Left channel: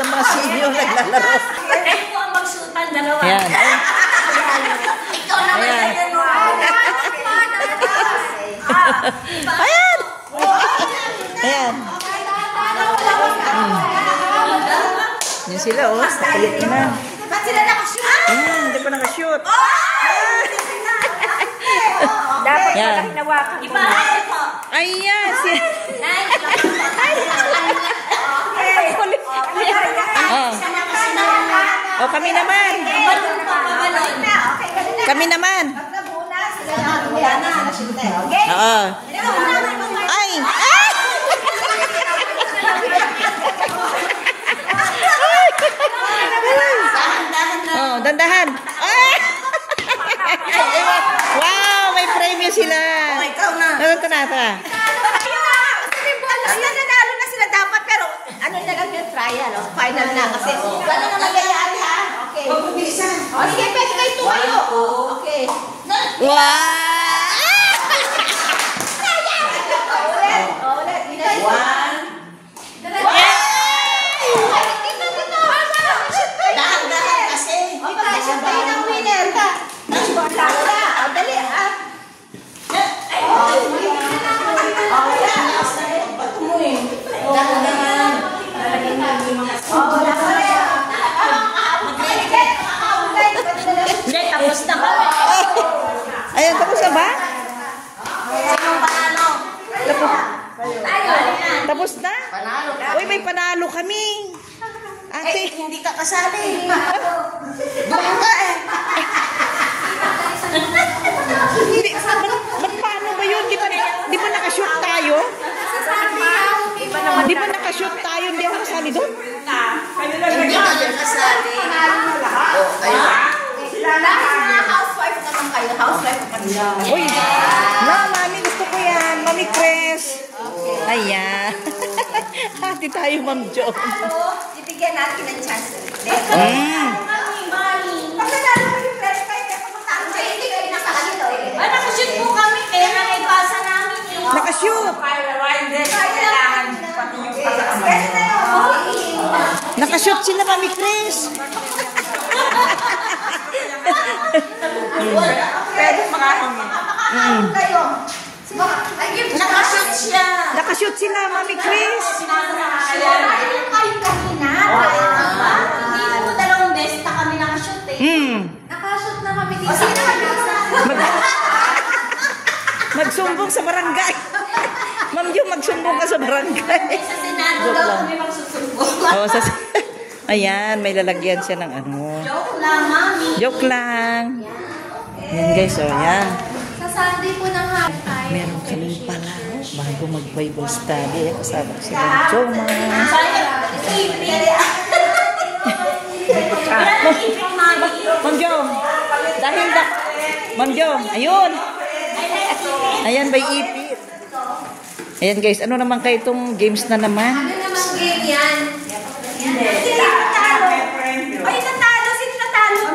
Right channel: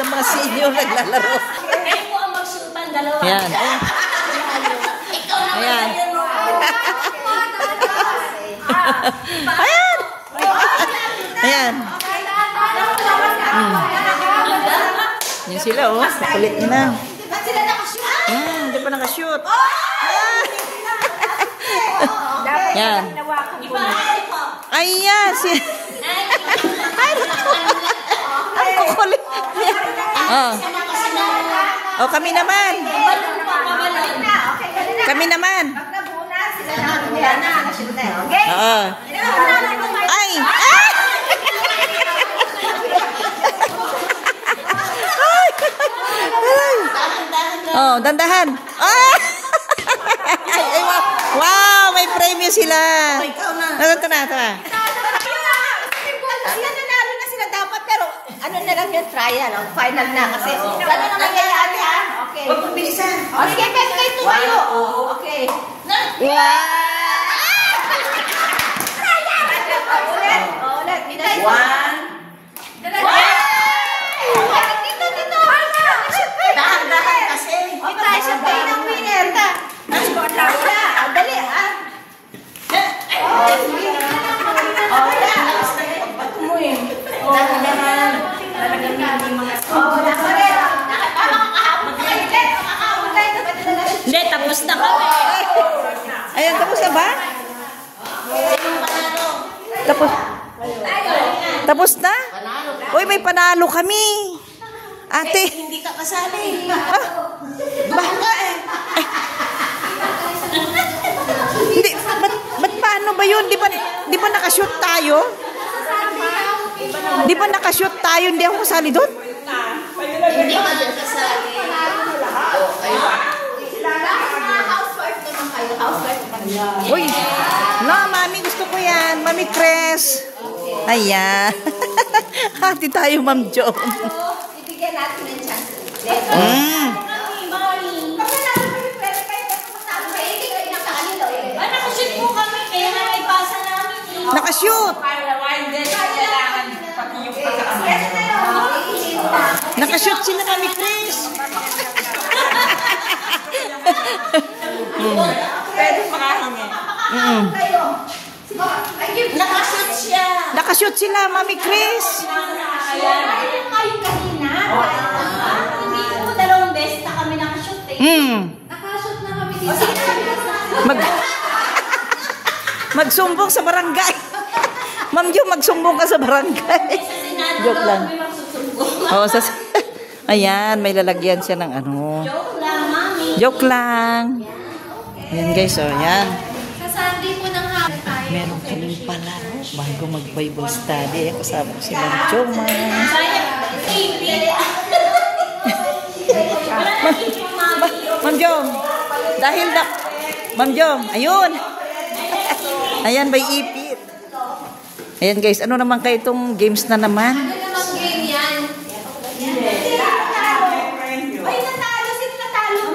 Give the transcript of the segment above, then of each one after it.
ng mga senior naglalaro. Kayo po ang magsutan, dalawa. Ayan. Ikaw naman Ayan. na yan. Ayan. Ayan. Yan sila, oh. Palit na. Ba't sila nakashoot? Hindi pa nakashoot. Yan. Ipahal po. Ayan. Oh, kami naman. Pabalon po, pabalon. Kami naman. Oo. Ay! Oh, dandahan. Ay! Wow, may premyo sila. Ikaw na. Ito na, ito na. Nanalo na sila dapat, pero ano na lang yung trial, final na kasi. Ano na nangyayari, ha? Okay. Huwag mong bilisan. O, sige, pwede kayo tumayo. Okay. Ulit. One. Dahan-dahan kasi. Oy, tayo siya pa ng winner. Dali, ha? Hindi, tapos na kami. Ayan, tapos na ba? Sinong panalo? Tapos. Tapos na? Uy, may panalo kami. Ate. Hindi ka kasali. Baka eh. Hindi, ba't paano ba yun? Di ba nakashoot tayo? Di ba nakashoot tayo? Hindi ako kasali doon? Hindi ka din kasali. Housewife naman kayo. Housewife naman niya. Uy, mami, gusto ko yan. Mami Cres. Ayan. Hati tayo, Ma'am Jo. Ibigyan natin ng chance. Nakashoot po kami. Kaya na may pasa namin eh. Nakashoot. Nakashoot sila, Mami Cres. Nakashoot siya. Nakashoot sila, Mami Cres. Hindi po dalawang beses na kami nakashoot eh. Nakashoot na kami dito. Magsumbong sa barangay. Ma'am Jo, magsumbong ka sa barangay. Sa Senado Joke daw lang. kami magsusumbong. Oh, ayan, may lalagyan siya ng ano. Joke lang, mami. Joke lang. Yan guys, oh, yan. Sa Sunday po ng hapon. Meron kaming pala, bago mag-Bible study. Kasama ko si Ma'am Jo. Sayang, ipit. Wala na ipit, mami. Ma'am Jo, dahil Ma'am Jo, ayun. Ayan, may ipit. Ayan guys, ano naman kayo itong games na naman? Ano namang game yan? Ay, natalo. Sino natalo?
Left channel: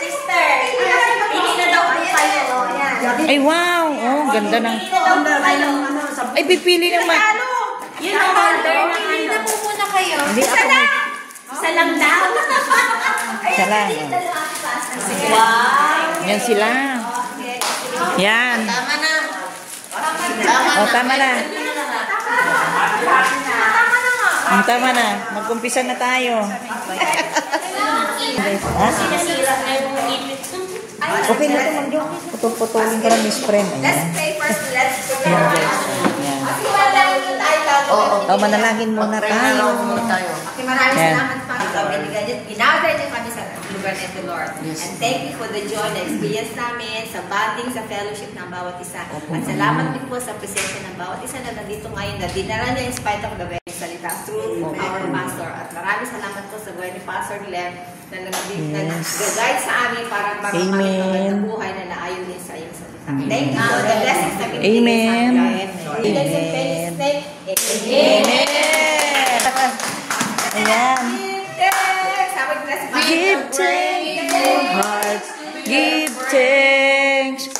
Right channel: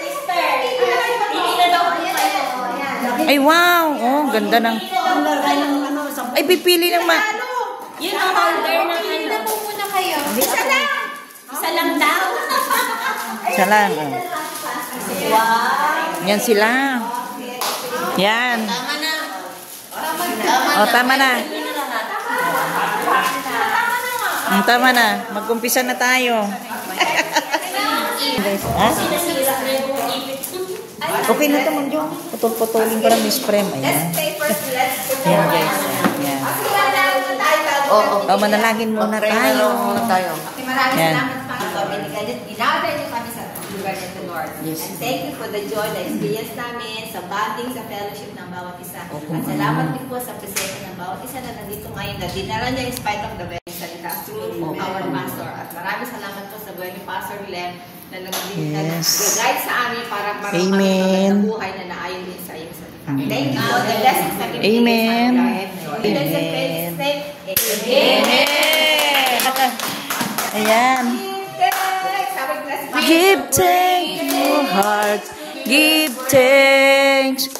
Sister. Hindi na daw po kayo. Ay, wow. Oh, ganda ng... Ay, pipili naman. Yun ang holder na Hindi na ano. po muna kayo. Isa lang daw. Isa lang. Oh. Wow. Yan sila. Yan. Tama na. O, tama na. Tama na. Mag-umpisa na tayo. Ha? Sinasira na yung ipit. Okay na ito, Ma'am Jo. Putulin ko lang yung friend. Ayan. O, manalangin muna tayo. Maraming Yan. salamat pa sa binigyan niyo. Dinabay niyo kami sa lugar nito, Lord. And thank you for the joy na experience namin sa bonding, sa fellowship ng bawat isa. At salamat din po sa presensya ng bawat isa na nandito ngayon na dinara niyo in spite of the very salita through our pastor. At maraming salamat po sa buhay ni Pastor Lem na nag-guide sa amin para marami kami ng buhay na naayon din sa iyong salita. Thank you for the blessings na binigay Amen. sa amin. Amen. Amen. Ayan. Give Give thanks in your hearts. Give thanks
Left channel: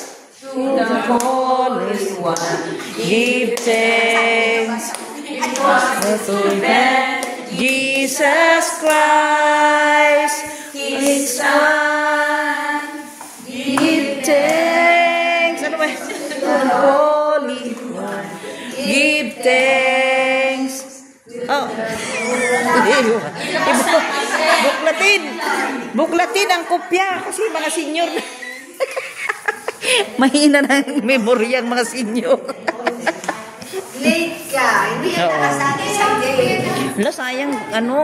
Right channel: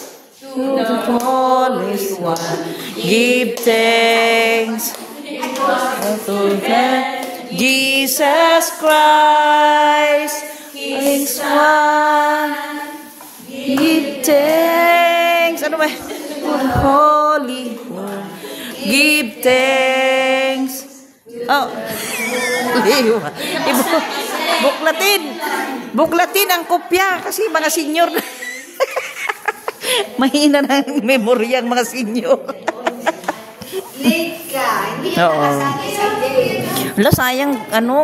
to the Holy One. Give thanks Jesus Christ is one. Give thanks. Ano ba? Holy One. Give thanks. Oh. Buklatin. Buklatin ang kopya kasi mga senior na. Mahina na ang memory ang mga senior. Late ka. Hindi ka nakasabi sa game. Wala, sayang,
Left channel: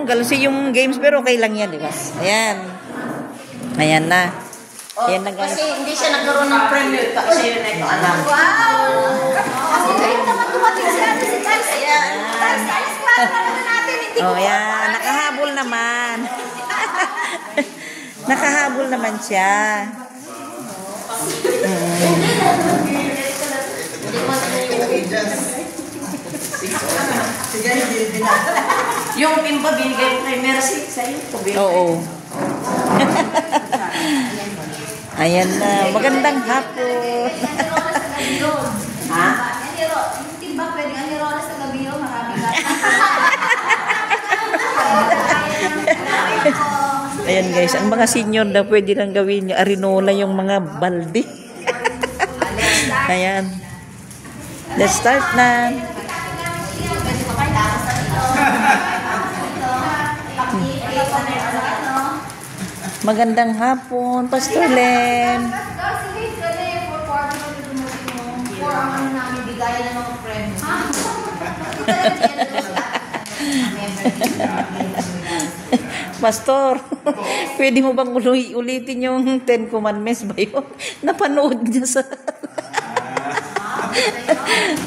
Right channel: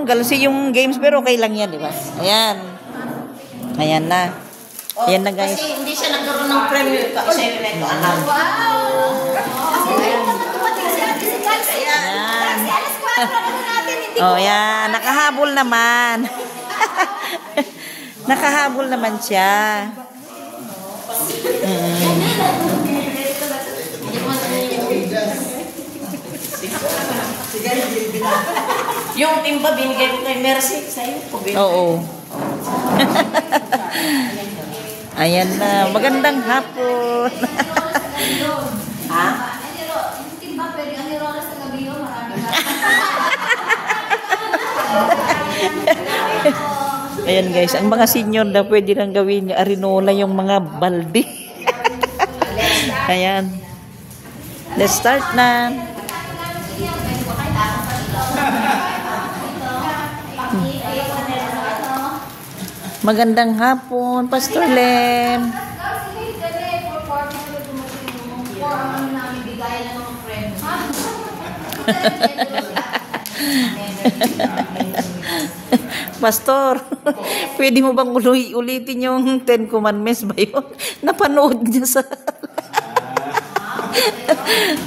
galasi yung games, pero okay lang yan, di ba? Ayan. Ayan na. Ayan na, guys. Kasi hindi siya nagkaroon ng premiere kasi ito alam. Wow! Kasi ngayon naman dumating si Ate si Darcy. Darcy, alis ka naman natin. Oh, ayan. Nakahabol naman. Nakahabol naman siya. Yung timba binigay mo kay Mercy sa'yo. Oo. Ayan na. Magandang hapon. Ha? Yung timba, pwede ang nirola sa gabi yun. Marami ka. Ayan guys, ang mga senior na pwede nang gawin niya, arinola yung mga balde. Ayan. Let's start na. Magandang hapon, Pastor Len. Pastor, pwede mo bang ulitin yung 10 Commandments ba yun? Napanood niya sa...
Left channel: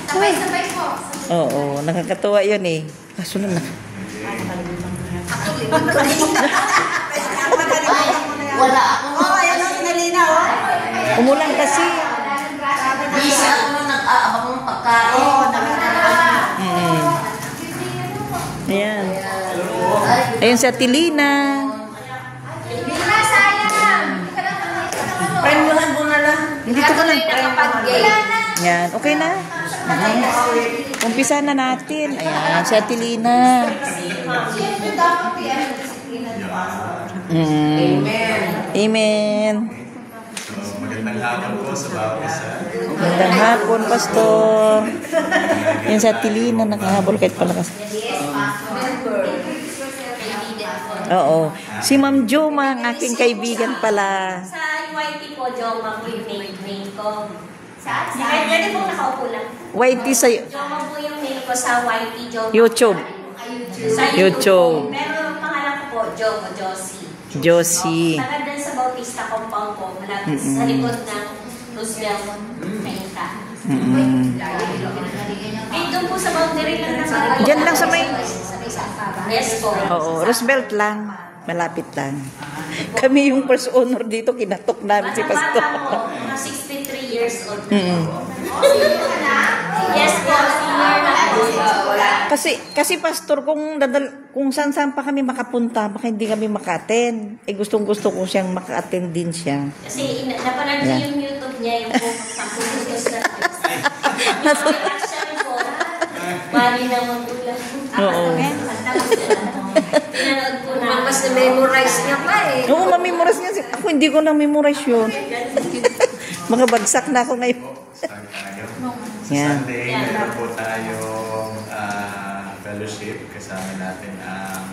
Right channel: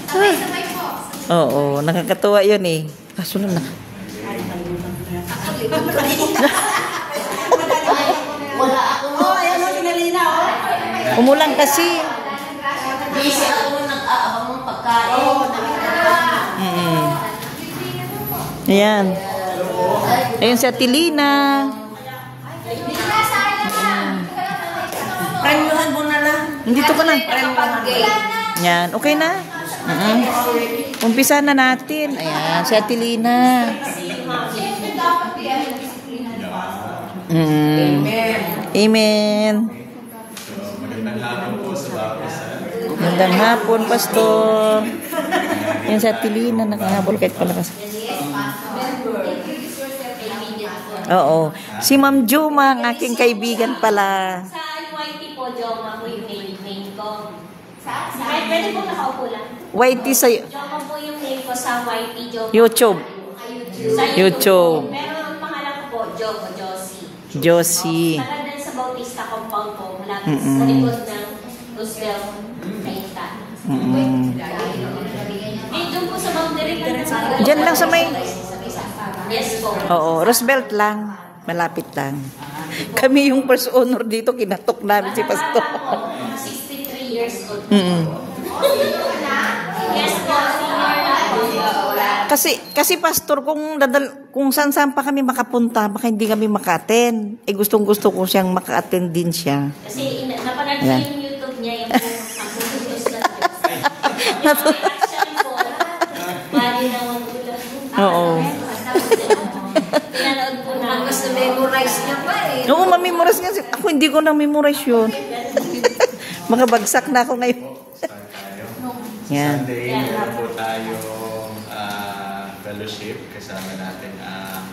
Sabay-sabay po. Oo, nakakatawa yun eh. Kaso lang na. Wala ako. Ayan na si Narina, oh. Umulang kasi. Busy ako nung nag-aabang ng pagkain. Ayan. Ayan si Atilina. Premyo lang muna lang. Dito ka lang. Yan, okay na? Umpisa na natin. Ayan, si Atilina. Amen. So, magandang hapon po sa bawat isa. Magandang hapon, Pastor. Yan si Atilina, nakahabol kahit palakas. Oo. Si Ma'am Joma, ang aking kaibigan pala. Sa YT po, Joma po yung name ko. Kahit pwede po nakaupo lang. YT sa Joma po yung name ko sa YT, Joma. YouTube. Sa YouTube. Pero ang pangalan ko po, Joma, Josie. Josie. Tagal sa Bautista compound po, malapit sa likod ng Roosevelt, Ayta. May doon po sa boundary lang. Diyan lang sa may... Yes po. Oo, Roosevelt lang. Malapit lang. Kami yung first honor dito, kinatok namin si Pastor. Bata po, 63 years old. Yes po, senior na po. Kasi Pastor, kung saan-saan pa kami makapunta, baka hindi kami maka-attend. Gustong-gusto ko siyang maka-attend din siya. Kasi napanood ko yung YouTube niya, yung po, pagpuputos na action po. Bali na magulang. Oo. Pinanood po na. Mas na-memorize niya pa eh. Oo, mamemorize niya. Ako hindi ko na-memorize yun. Mga bagsak na ako ngayon. Start tayo. Yan. Sunday, meron po tayong fellowship. Kasama natin ang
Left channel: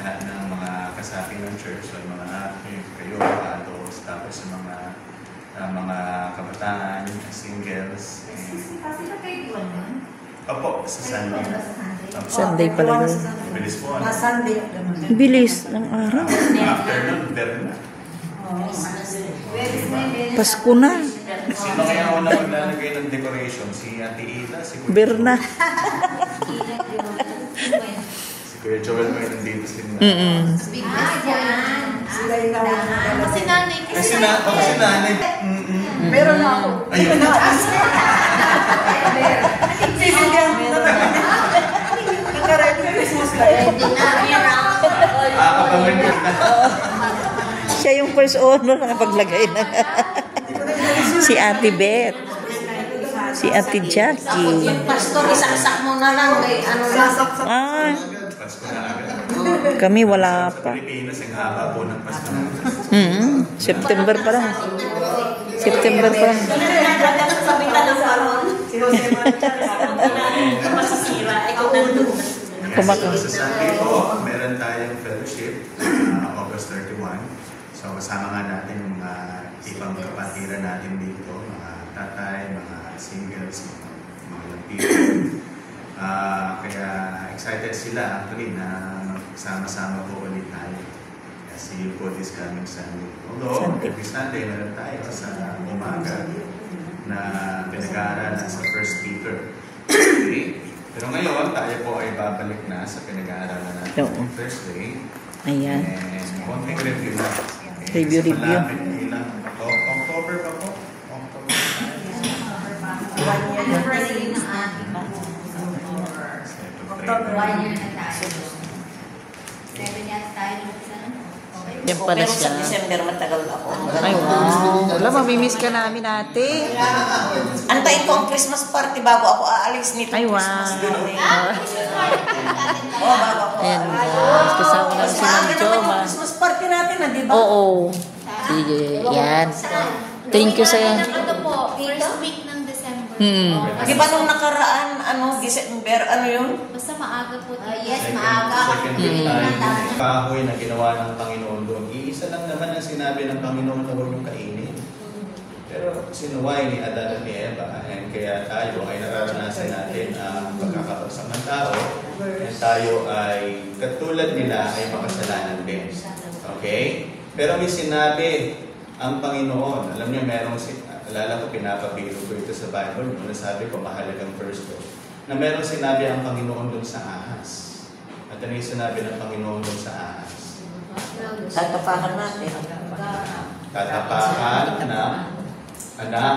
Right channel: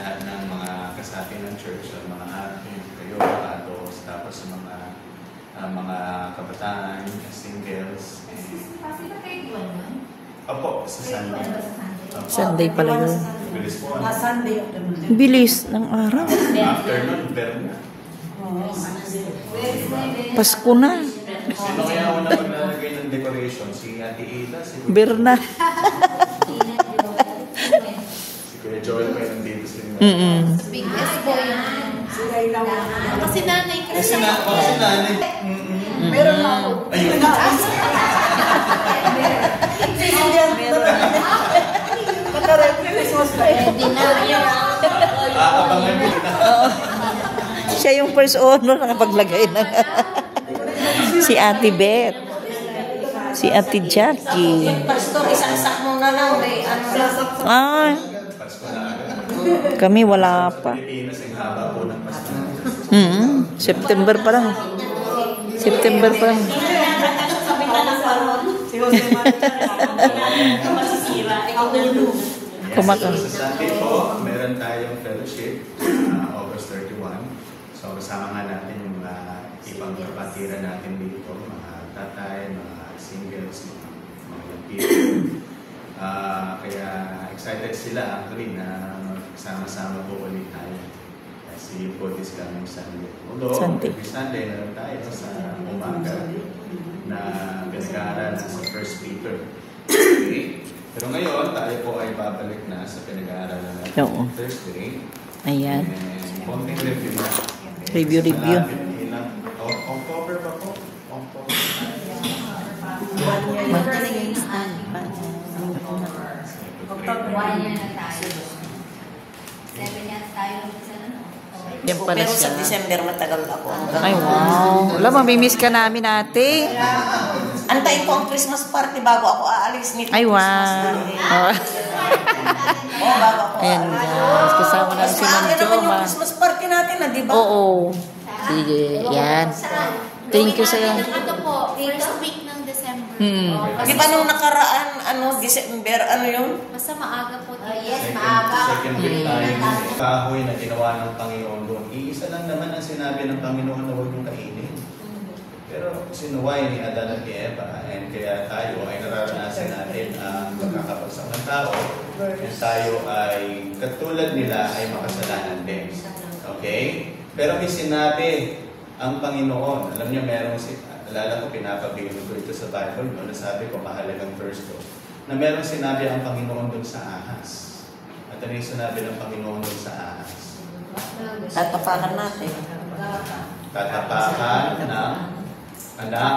lahat ng mga kasapi ng church. So, mga kayo, adults, tapos mga kabataan, singles. Opo, sa Sunday. Sunday pala yun. Bilis po. Bilis ng araw. Afternoon, pero na. Pasko na. Sino kaya una maglalagay ng decoration? Si Ate Ida, si Berna. Kuya Joel may nandito sila. Kasi nanay kasi. Kasi nanay. Meron na ako. Ayun. Abangan kita. Siya yung first honor na nakapaglagay na. Si Ate Beth. Si Ate Jackie. Pastor, isaksak mo na lang. Ano lang. Ah, Pasko na agad. kami wala Sa pa. Pilipinas, ang haba po ng Pasko na. September pa lang. September pa lang. Sabitan ng paron. Masisira. Ikaw nandun. Kumakain. So, sa Sunday po, meron tayong fellowship, August 31. So, kasama nga natin yung mga ibang kapatiran natin dito, mga tatay, mga singles, mga people. Kaya excited sila actually na sama-sama po ulit tayo. Kaya see you po this coming Sunday. Although, every Sunday meron tayo sa umaga na pinag-aaral sa First Peter. Okay? Pero ngayon, tayo po ay babalik na sa pinag-aaralan natin Oo. Thursday. Ayan. And konting review na. Okay? Review. Kasi malapit ilang October pa po? Yan pala Pero sa siya. December matagal ako. Ay, wow. Wala, mamimiss ka namin ate. Antayin ko ang Christmas party bago ako aalis nito. Ay, wow. Oh, bago ako Ayan aalis. guys, kasama namin Mas si maaga Ma'am naman yung Joma. Christmas party natin, di ba? Oo. Sige, yan. Thank you sa Ano po, first week ng December. Di ba nung nakaraan, December, yun? Basta maaga po. Yes, Second week tayo. Kahoy na ginawa ng Panginoon doon. Iisa lang naman ang sinabi ng Panginoon na huwag yung kainin. Pero sinuway ni Adan at ni Eva, and kaya tayo ay nararanasan natin ang pagkakabagsak ng tao, na tayo ay katulad nila ay makasalanan din. Okay? Pero may sinabi ang Panginoon. Alam niyo, alala ko, pinapabilo ko ito sa Bible, no? Nasabi ko, mahalagang verse ko, na merong sinabi ang Panginoon doon sa ahas. At ano yung sinabi ng Panginoon doon sa ahas? Tatapakan natin. Tatapakan ng anak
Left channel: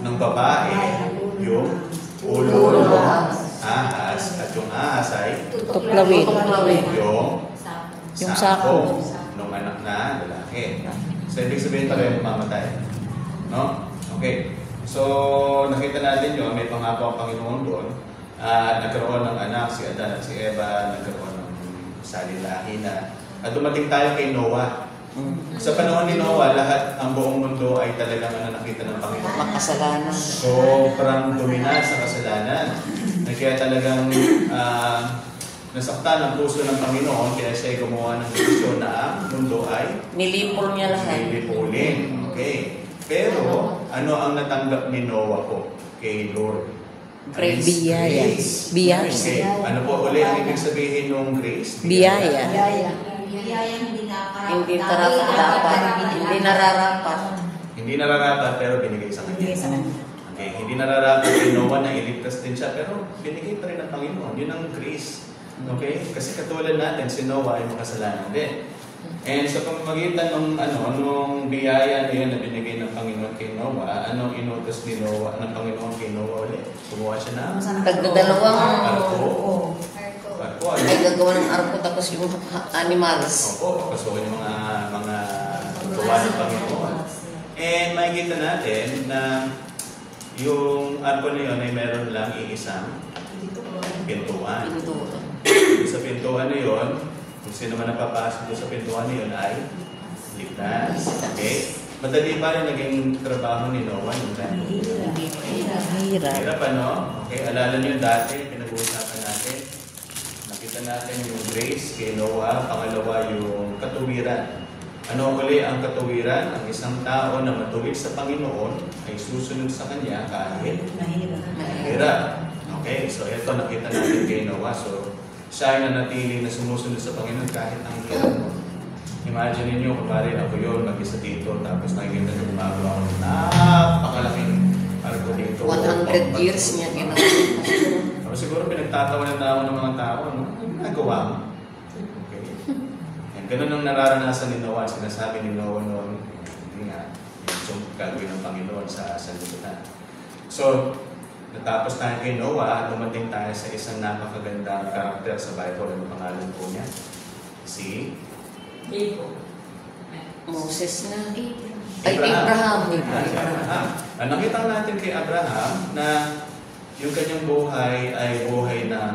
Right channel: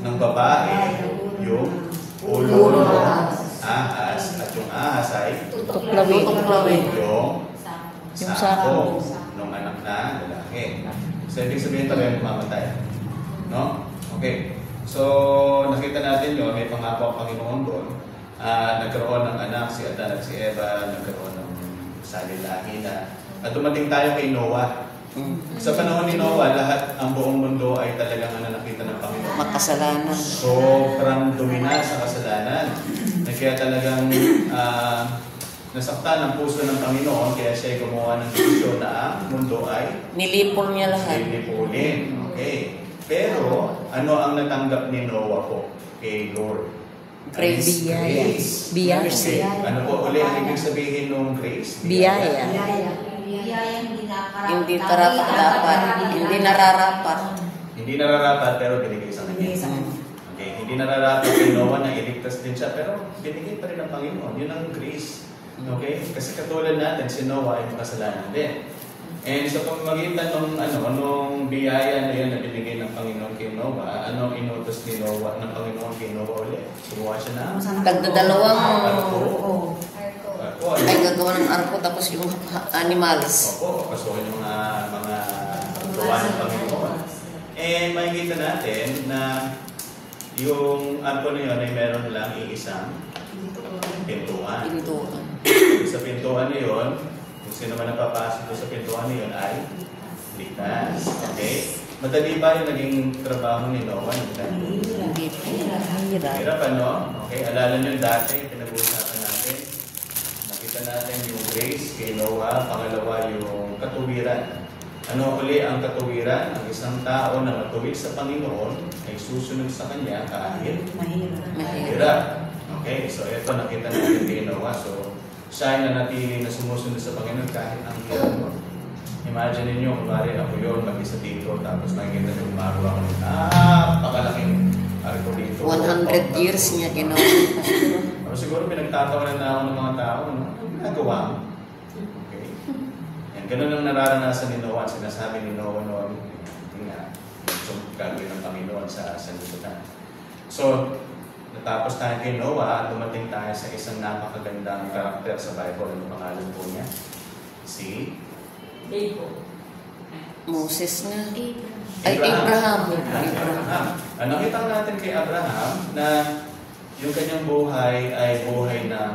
ng babae yung ulo ng ahas, at yung ahas ay tuklawin. yung sako ng anak na lalaki. So, ibig sabihin pa rin mamatay. No? Okay. So, nakita natin yun, may pangako ang Panginoon doon. Nagkaroon ng anak, si Adan at si Eva, nagkaroon ng salilahi na. At dumating tayo kay Noah. Sa panahon ni Noah, lahat ang buong mundo ay talagang nakita ng Panginoon. Makasalanan. Sobrang dominant sa kasalanan. Kaya talagang nasaktan ang puso ng Panginoon, kaya siya ay gumawa ng desisyon na ang mundo ay Nilipol niya lahat. lilipulin. Okay. Pero, ano ang natanggap ni Noah po kay Lord? Grace. Biyaya. Biyaya. Okay. Ano po ulit ang ibig sabihin ng grace? Biyaya. Hindi karapat-dapat. Hindi nararapat. Hindi nararapat pero binigay sa kanya. Okay. Hindi nararapat kay Noah na iligtas din siya pero binigay pa rin ng Panginoon. Yun ang grace. Okay? Kasi katulad natin, si Noah ay makasalanan din. And sa pamamagitan ng anong biyaya na yan na binigay ng Panginoon kay Noah, anong inutos ni Noah, ng Panginoon kay Noah ulit? Gumawa siya na Tagdadalawang arko. ay gagawa ng arko tapos yung animals. Opo, papasukin yung mga tuwa ng Panginoon. And makikita natin na yung arko na yun ay meron lang iisang pintuan. Sa pintuan na yun, kung sino man napapasok sa pintuan na yun ay ligtas. Okay? Madali ba yung naging trabaho ni Noah? Hirap, ano? Okay, alala nyo dati, pinag-uusapan natin. Nakita natin yung grace kay Noah. Pangalawa, yung katuwiran. Ano uli ang katuwiran? Ang isang tao na matuwid sa Panginoon ay susunod sa Kanya kahit mahirap. Okay, so ito nakita natin kay Noah. So, siya ay nanatili na sumusunod sa Panginoon kahit ang hirap mo. Imagine ninyo, kumari ako yun, kami sa dito, tapos nakikita nyo gumagawa ko. Napakalaking arko dito. 100 years niya ginawa. Siguro pinagtatawanan na ako ng mga tao, no? Nagawa mo. Okay. Yan, ganun ang nararanasan ni Noah. Sinasabi ni Noah noon, yun nga, yung gagawin ng Panginoon sa sanlibutan. So, natapos tayo kay Noah, dumating tayo sa isang napakagandang karakter sa Bible. Ano pangalan po niya? Si Moses na. Ay, Abraham. Abraham. Nakita natin kay Abraham na yung kanyang buhay ay buhay ng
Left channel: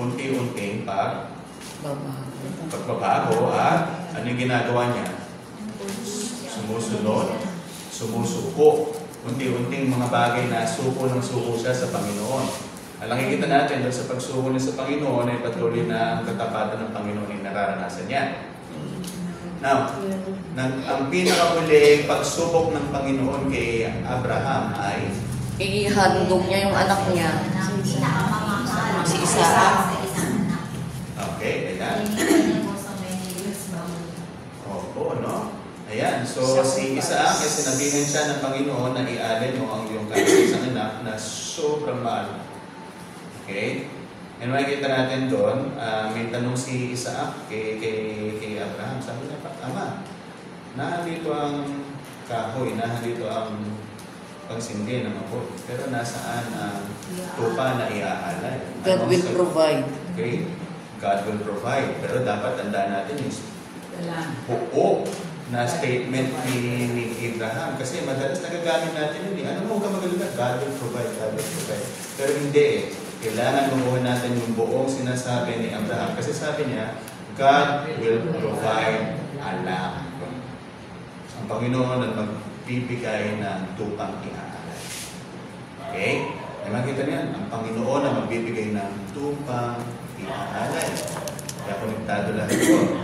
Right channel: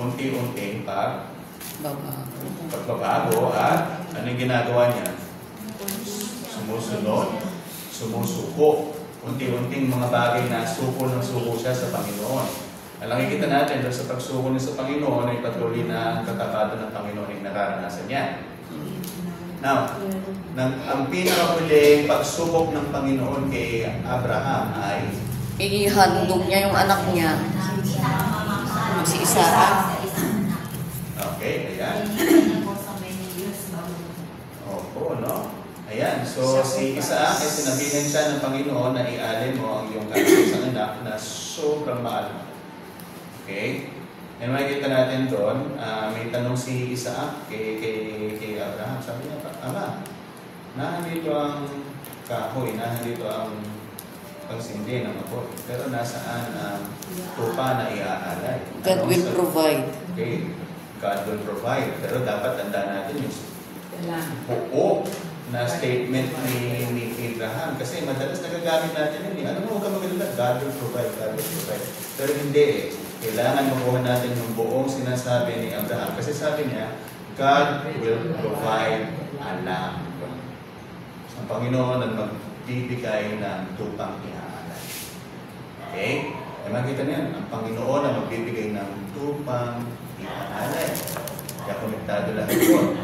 unti-unting pagbabago at anong ginagawa niya? Sumusunod, sumusuko. Unti-unting mga bagay na suko ng suko siya sa Panginoon. Ang nakikita natin doon sa pagsuko niya sa Panginoon ay patuloy na ang katapatan ng Panginoon ay nararanasan niya. Now, ang pinakahuling pagsubok ng Panginoon kay Abraham ay Ihandog niya yung anak niya. Si Isaac. okay, ayan. Oo, no? Ayan, so si Isaac ay sinabihan siya ng Panginoon na ialin mo ang iyong kaisang anak na sobrang mahal mo. Okay? And makikita natin doon, may tanong si Isaac kay Abraham. Sabi niya, Ama, nahalito ang kahoy, nahalito ang pagsindi ng mapot. Pero nasaan ang tupa na iaalay? God will provide. Okay? God will provide. Pero dapat tandaan natin yung buo na statement ni Abraham. Kasi madalas nagagamit natin yun. Ano mo ka magalala? God will provide, God will provide. Pero hindi eh. Kailangan makuha natin yung buong sinasabi ni Abraham. Kasi sabi niya, God will provide a lamb. Ang Panginoon ang magbibigay ng tupang iaalay. Okay? Ay makita niyan, ang Panginoon ang magbibigay ng tupang iaalay. Kaya konektado lang ito.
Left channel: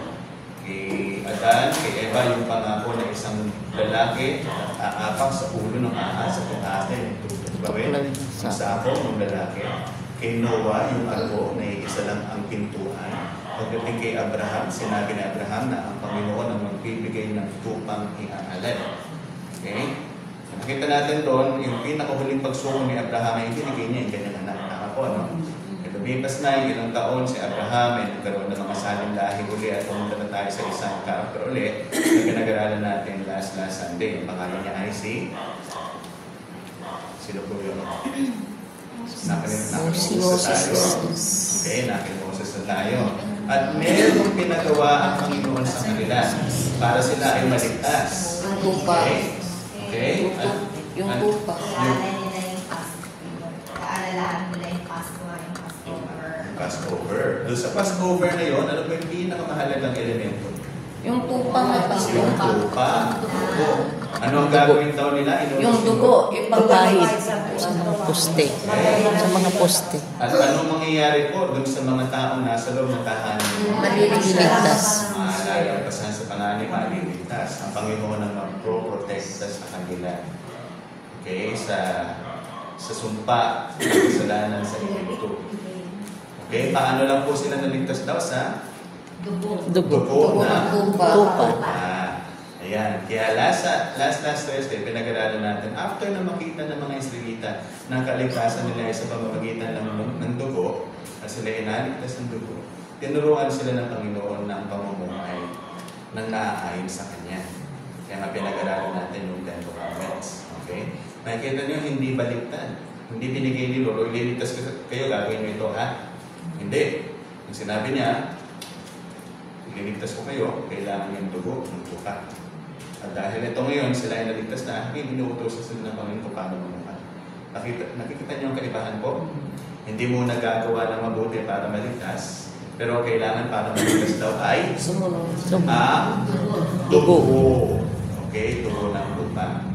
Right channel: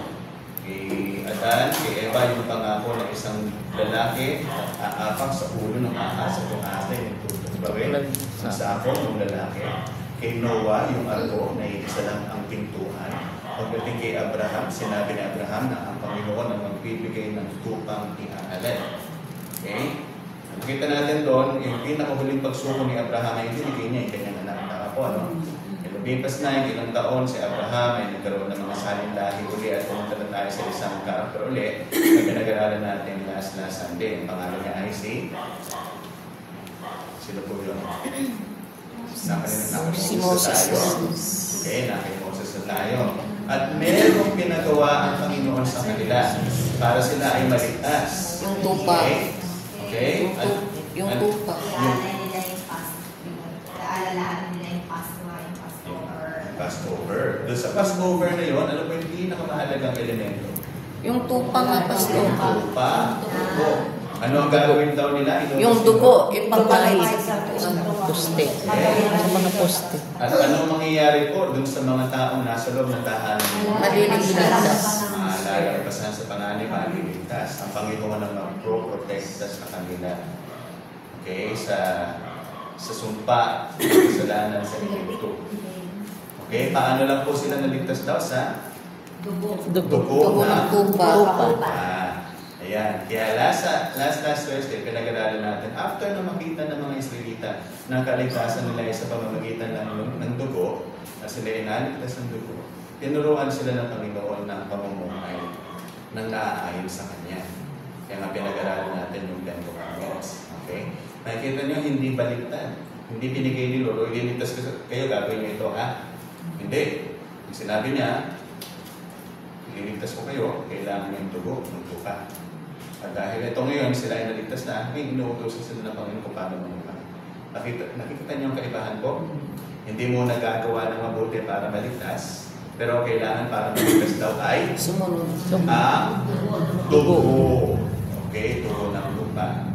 Kay Adan, kay Eva, yung pangako ng isang lalaki, aapak sa ulo ng ahas at ang ahas na yung sa ako ng lalaki. Kay Noah, yung ako na isa lang ang pintuan. Pagdating kay Abraham, sinabi ni Abraham na ang Panginoon ang magbibigay ng tupang iaalay. Okay? Nakita natin doon, yung pinakahuling pagsuko ni Abraham ay binigay niya yung kanyang anak. Tama po, ano? Lumipas na yung ilang taon si Abraham ay nagkaroon ng mga saling dahil uli at pumunta na tayo sa isang karakter ulit na pinag-aralan natin last Sunday. Ang pangalan niya ay sino po yun? Si Moses. Okay, Moses na tayo. At merong pinagawa ang Panginoon sa kanila para sila ay maligtas. Yung tupa. Okay? Yung tupa. Passover. Doon sa Passover na yon, ano po yung pinakamahalagang elemento? Yung tupa nga pastor. Yung tupa. Ano ang gagawin daw nila? Yung dugo. Yung Papahid. sa Poste. Sa mga poste. At anong mangyayari po doon sa mga taong nasa loob ng tahanan? Maliligtas. Lalampasan sa panganib, maliligtas. Ang Panginoon ang mag-pro-protect sa kanila. Okay? Sa sumpa, sa kasalanan sa Egypto. Okay? Paano lang po sila naligtas daw sa Dugo. Dugo ng tupa. Ayan. Kaya last Thursday, pinag-aralan natin, after na makita ng mga Israelita na kaligtasan nila ay sa pamamagitan ng dugo, na sila ay naligtas ng dugo, tinuruan sila ng Panginoon ng pamumuhay ng naaayon sa Kanya. Kaya nga pinag-aralan natin yung 10 Commandments. Okay? Makikita niyo, hindi baliktad. Hindi binigay ni Lord, o liligtas kayo, gagawin niyo ito, Hindi. Yung sinabi niya, liligtas ko kayo, kailangan yung dugo, ng tupa. At dahil ito ngayon, sila ay naligtas na, inuutos sila ng Panginoon kung paano mamuha. Nakikita niyo ang kaibahan ko? Hindi mo nagagawa ng mabuti para maligtas, pero kailangan para maligtas daw ay dugo. Okay, dugo ng tupa.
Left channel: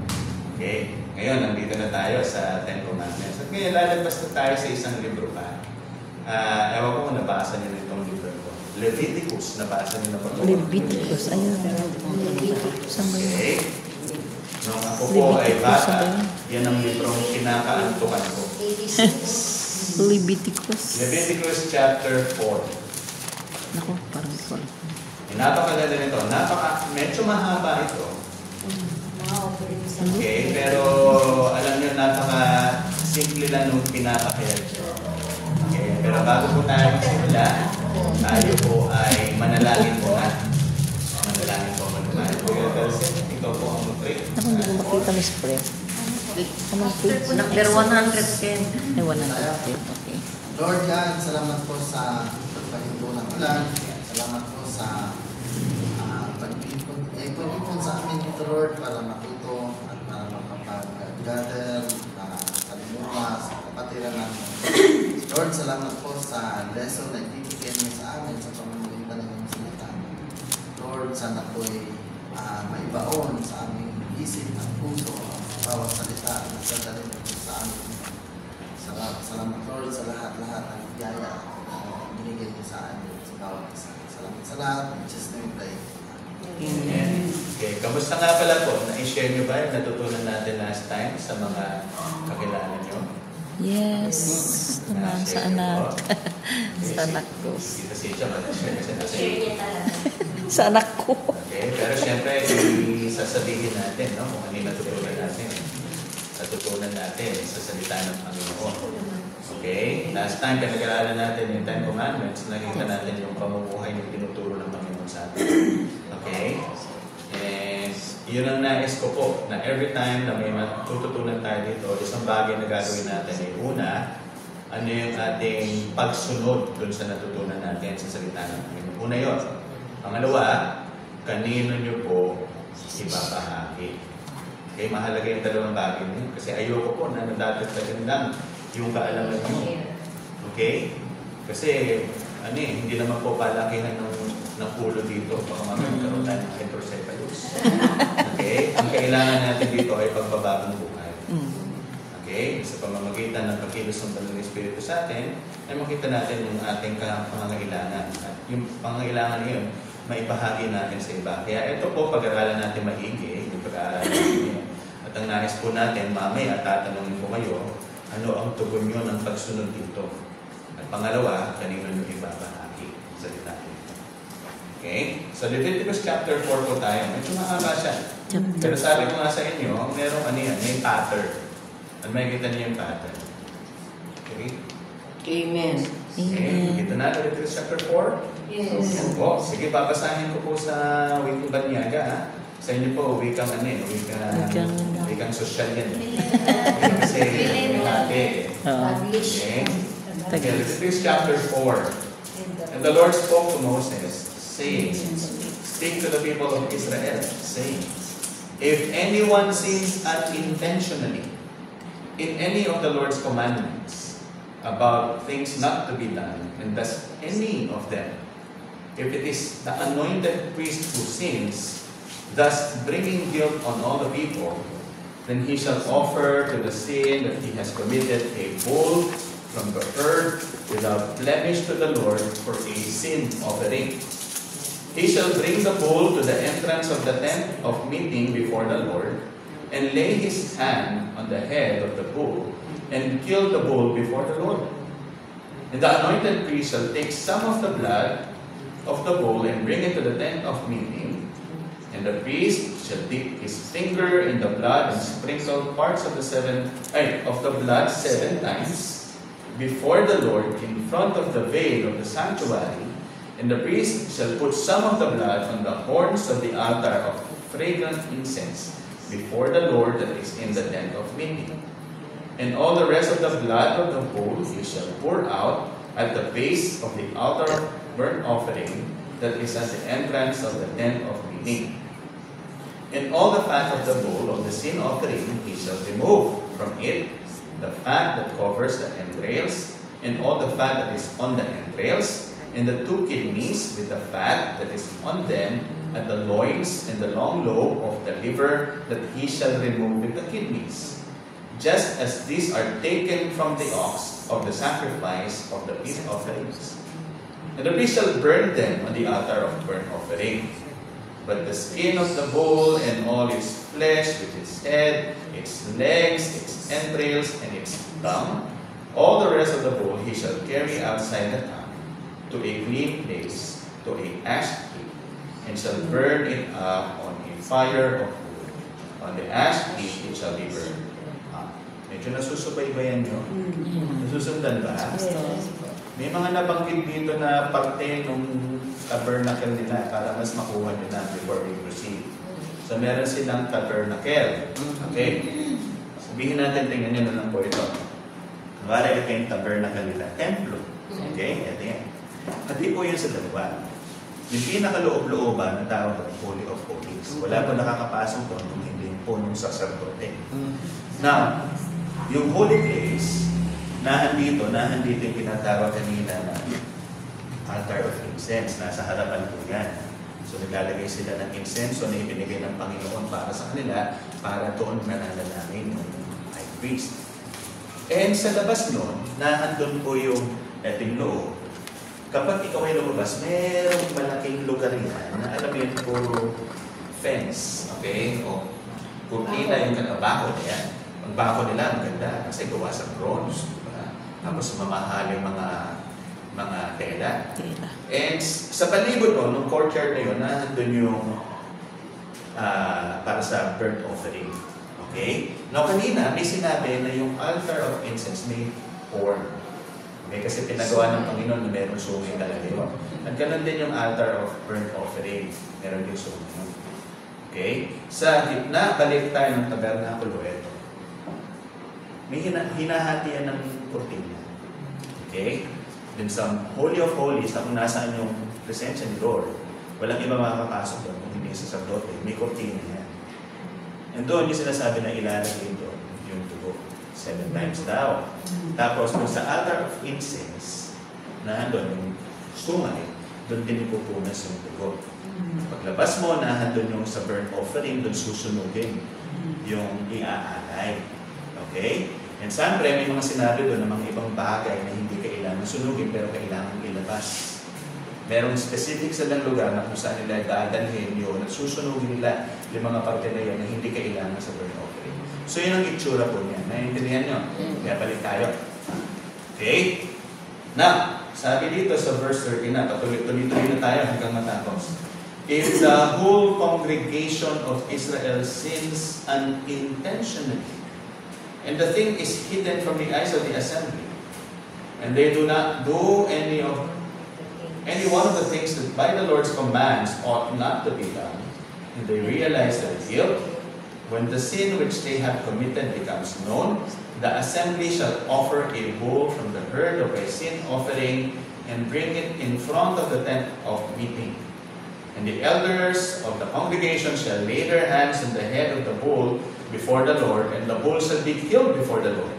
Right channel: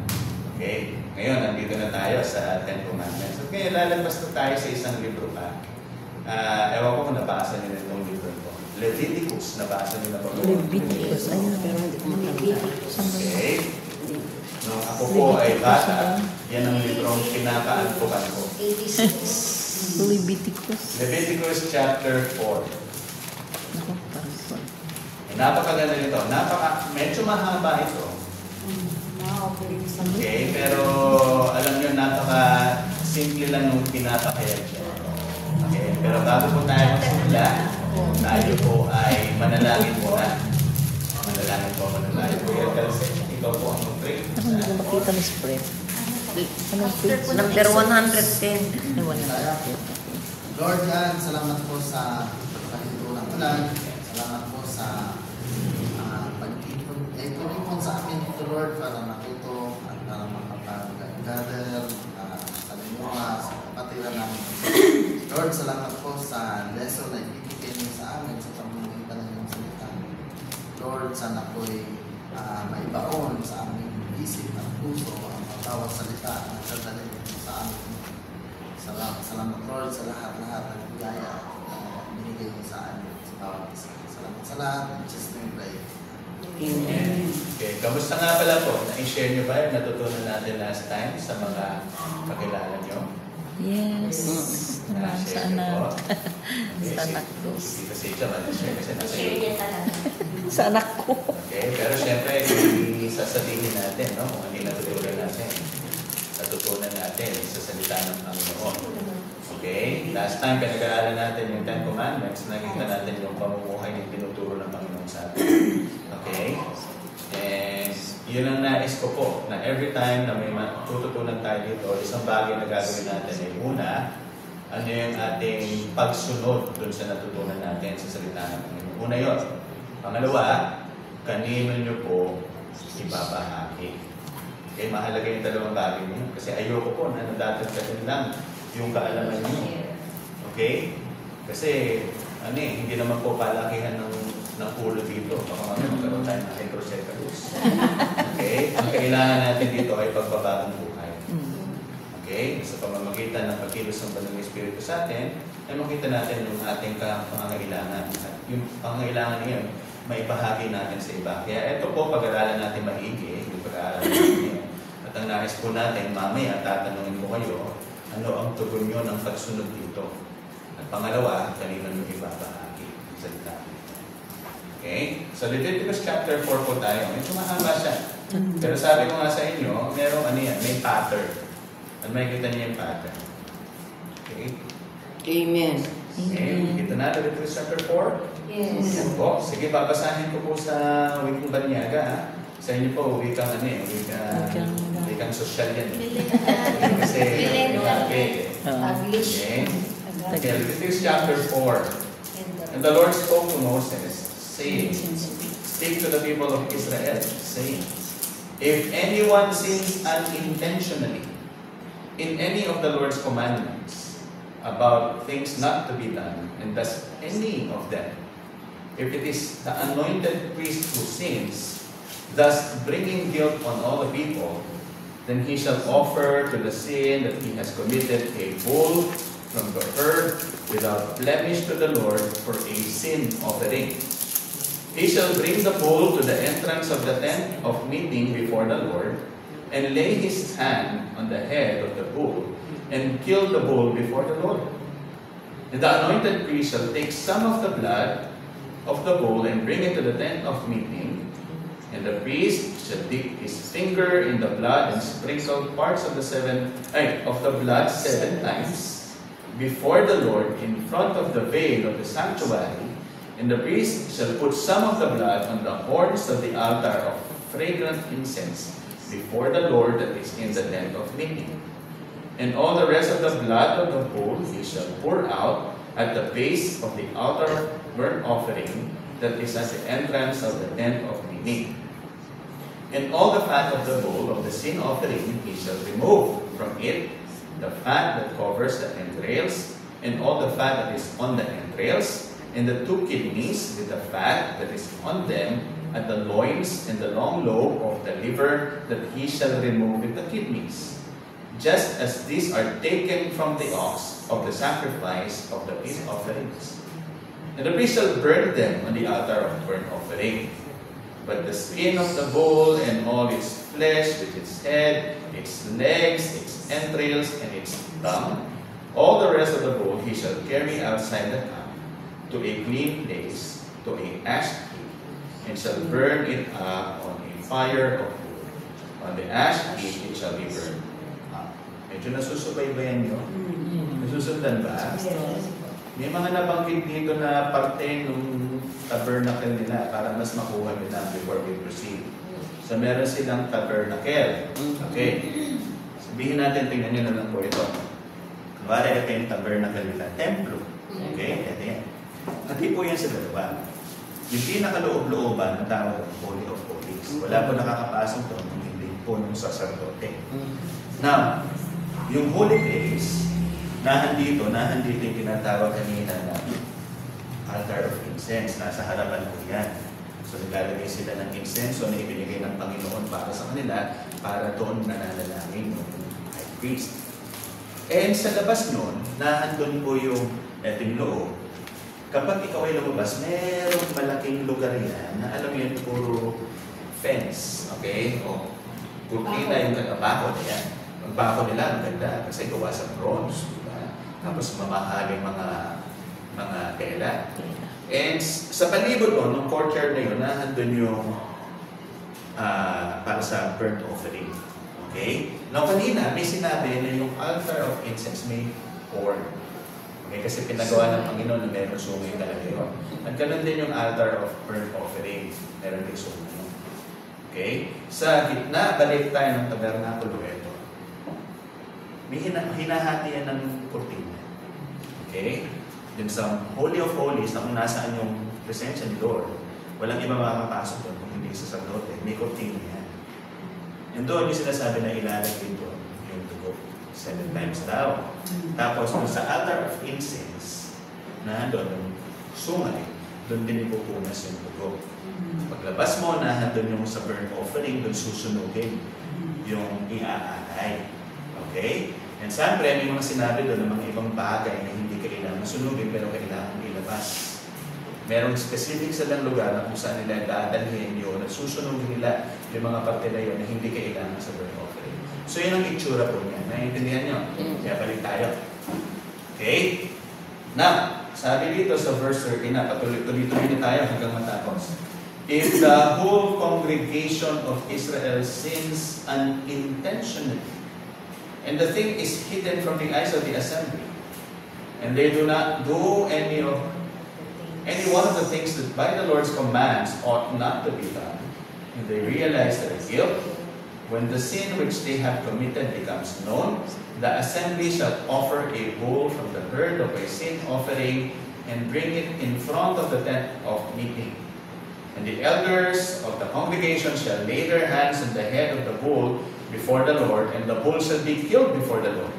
Okay, ngayon, nandito na tayo sa 10 Commandments. At ngayon, lalabas na tayo sa isang libro pa. Ewan ko kung nabasa niyo itong libro ko. Leviticus, nabasa niyo na ba? Leviticus. Ayun. Okay. Nung ako po ay bata, yan ang librong kinakaantukan ko. Leviticus. Leviticus chapter 4. Ako, parang ito. Napakaganda nito. Medyo mahaba ito. Okay, pero alam nyo, napaka-simple lang nung pinapakaya. Okay, pero bago po tayo magsimula, tayo po ay manalangin po na. Manalangin po. Ikaw po ang mag-pray. Ako hindi ko makita may spread. Anong page? Number 110. May 110. Okay. Lord God, salamat po sa pagtulong ng ulan. Salamat po sa pag-ipon sa amin ito, Lord, para matuto at para mapapagod Kamusta nga pala po? Na-share nyo ba yung natutunan natin last time sa mga kakilala nyo? Yes. Naman sa anak. Sa anak ko. Dito si Chama, share kasi nasa Share niya talaga. Sa anak ko. Okay, pero siyempre, hindi sasabihin natin, no? Kung hindi natutunan natin. Natutunan natin sa salita ng Panginoon. Okay? Last time, pinag-aralan natin yung 10 Commandments. Nakita natin yung pamumuhay na tinuturo ng Panginoon sa atin. Okay? And yun ang nais ko po, na every time na may matututunan tayo dito, isang bagay na gagawin natin ay una, ano yung ating pagsunod dun sa natutunan natin sa salita ng Panginoon. Una yun. Pangalawa, kanino nyo po ibabahagi. Okay, mahalaga yung dalawang bagay niyo. Kasi ayoko po na nadadagdagan lang yung kaalaman niyo. Okay? Kasi, hindi naman po palakihan ng ulo dito. Baka magkaroon tayo ng hydrocephalus. Okay? Ang kailangan natin dito ay pagbabagong buhay. Okay? Sa pamamagitan ng pagkilos ng Banal Espiritu sa atin, ay makita natin yung ating pangangailangan. Yung pangangailangan ngayon, may bahagi natin sa iba. Kaya ito po, pag-aralan natin maigi, yung pag-aralan natin. At ang nais po natin, mamaya tatanungin ko kayo, ano ang tugon nyo ng pagsunod dito? At pangalawa, kanino nyo ibabahagi sa natin. Okay? So, Leviticus chapter 4 po tayo. Medyo mahaba siya. Pero sabi ko nga sa inyo, merong may pattern. At may kita niyo yung pattern. Okay? Amen. Okay, kita na Leviticus chapter 4? Yes. Po, sige, babasahin ko po sa wikang Banyaga. Sa inyo po, wikang wikang social yan. Kasi, okay. Leviticus chapter 4. And the Lord spoke to Moses, saying, speak to the people of Israel, saying, if anyone sins unintentionally in any of the Lord's commandments about things not to be done, and does any of them, if it is the anointed priest who sins, thus bringing guilt on all the people, then he shall offer to the sin that he has committed a bull from the herd without blemish to the Lord for a sin offering. He shall bring the bull to the entrance of the tent of meeting before the Lord, and lay his hand on the head of the bull, and kill the bull before the Lord. And the anointed priest shall take some of the blood of the bull and bring it to the tent of meeting. And the priest shall dip his finger in the blood and sprinkle parts of the blood 7 times before the Lord in front of the veil of the sanctuary. And the priest shall put some of the blood on the horns of the altar of fragrant incense before the Lord that is in the tent of meeting. And all the rest of the blood of the bull you shall pour out at the base of the altar of burnt offering that is at the entrance of the tent of meeting. And all the fat of the bull of the sin offering he shall remove from it, the fat that covers the entrails, and all the fat that is on the entrails, and the 2 kidneys with the fat that is on them, at the loins and the long lobe of the liver that he shall remove with the kidneys. Just as these are taken from the ox of the sacrifice of the peace offerings. And the priest shall burn them on the altar of burnt offering. But the skin of the bull and all its flesh, with its head, its legs, its entrails, and its tongue, all the rest of the bull he shall carry outside the camp to a clean place, to a ash heap, and shall burn it up on a fire of wood. On the ash heap it shall be burned up. Medyo nasusubaybayan nyo? Nasusundan ba? May mga nabanggit dito na parte nung tabernacle nila para mas makuha nyo na before we proceed. So meron silang tabernacle. Okay. Sabihin natin, tingnan nyo na lang po ito. Kumari ito yung tabernacle nila. Templo. Okay. Ito yan. Pati po yan sa looban. Yung pinakaloob-looban, tawag ng Holy of Holies. Wala po nakakapasok doon kung hindi po nung sacerdote. Now, yung holy place, nahandito yung tinatawag kanina na altar of incense. Nasa harapan po yan. So, naglalagay sila ng incense na ibinigay ng Panginoon para sa kanila para doon nananalangin ng high priest. And sa labas nun, nahandun po yung eting loob. Kapag ikaw ay lumabas, merong malaking lugar yan. Alam mo yan, puro fence, okay? O kurtina yung katabako niya. Ang bako nila maganda kasi gawa sa bronze. Diba? Tapos mamahaling mga tela. And sa palibot mo, nung courtyard na yun, nandun yung para sa burnt offering. Okay? Now, kanina, may sinabi na yung altar of incense may horn. Okay? Kasi pinagawa ng Panginoon na meron sungay na alayo. At ganun din yung altar of burnt offering. Meron din sungay. Okay? Sa gitna, balik tayo ng tabernakulo ito. May hinahati yan ng kurtina. Okay? Then sa Holy of Holies, kung nasaan yung presensya ni Lord, walang iba makakapasok kung hindi sa sacerdote. May kurtina yan. And doon yung sinasabi na ilalagay doon yung dugo. 7 times daw. Tapos kung sa altar of incense, na doon yung sungay, doon din ipupunas yung dugo. Paglabas mo, nahandun yung sa burnt offering, doon susunugin yung iaalay. Okay? And siyempre, may mga sinabi doon ng mga ibang bagay na hindi kailangan sunugin pero kailangan ilabas. Merong specific sa ng lugar na kung saan nila dadalhin yun at susunugin nila yung mga parte na yun na hindi kailangan sa burnt offering. So yun ang itsura po niya. Naiintindihan nyo? Kaya balik tayo. Okay? Now, sabi dito sa verse 13 na, patuloy-tuloy na tayo hanggang matapos. If the whole congregation of Israel sins unintentionally, and the thing is hidden from the eyes of the assembly, and they do not do any one of the things that by the Lord's commands ought not to be done, and they realize their guilt, when the sin which they have committed becomes known, the assembly shall offer a bull from the herd of a sin offering and bring it in front of the tent of meeting. And the elders of the congregation shall lay their hands on the head of the bull before the Lord, and the bull shall be killed before the Lord.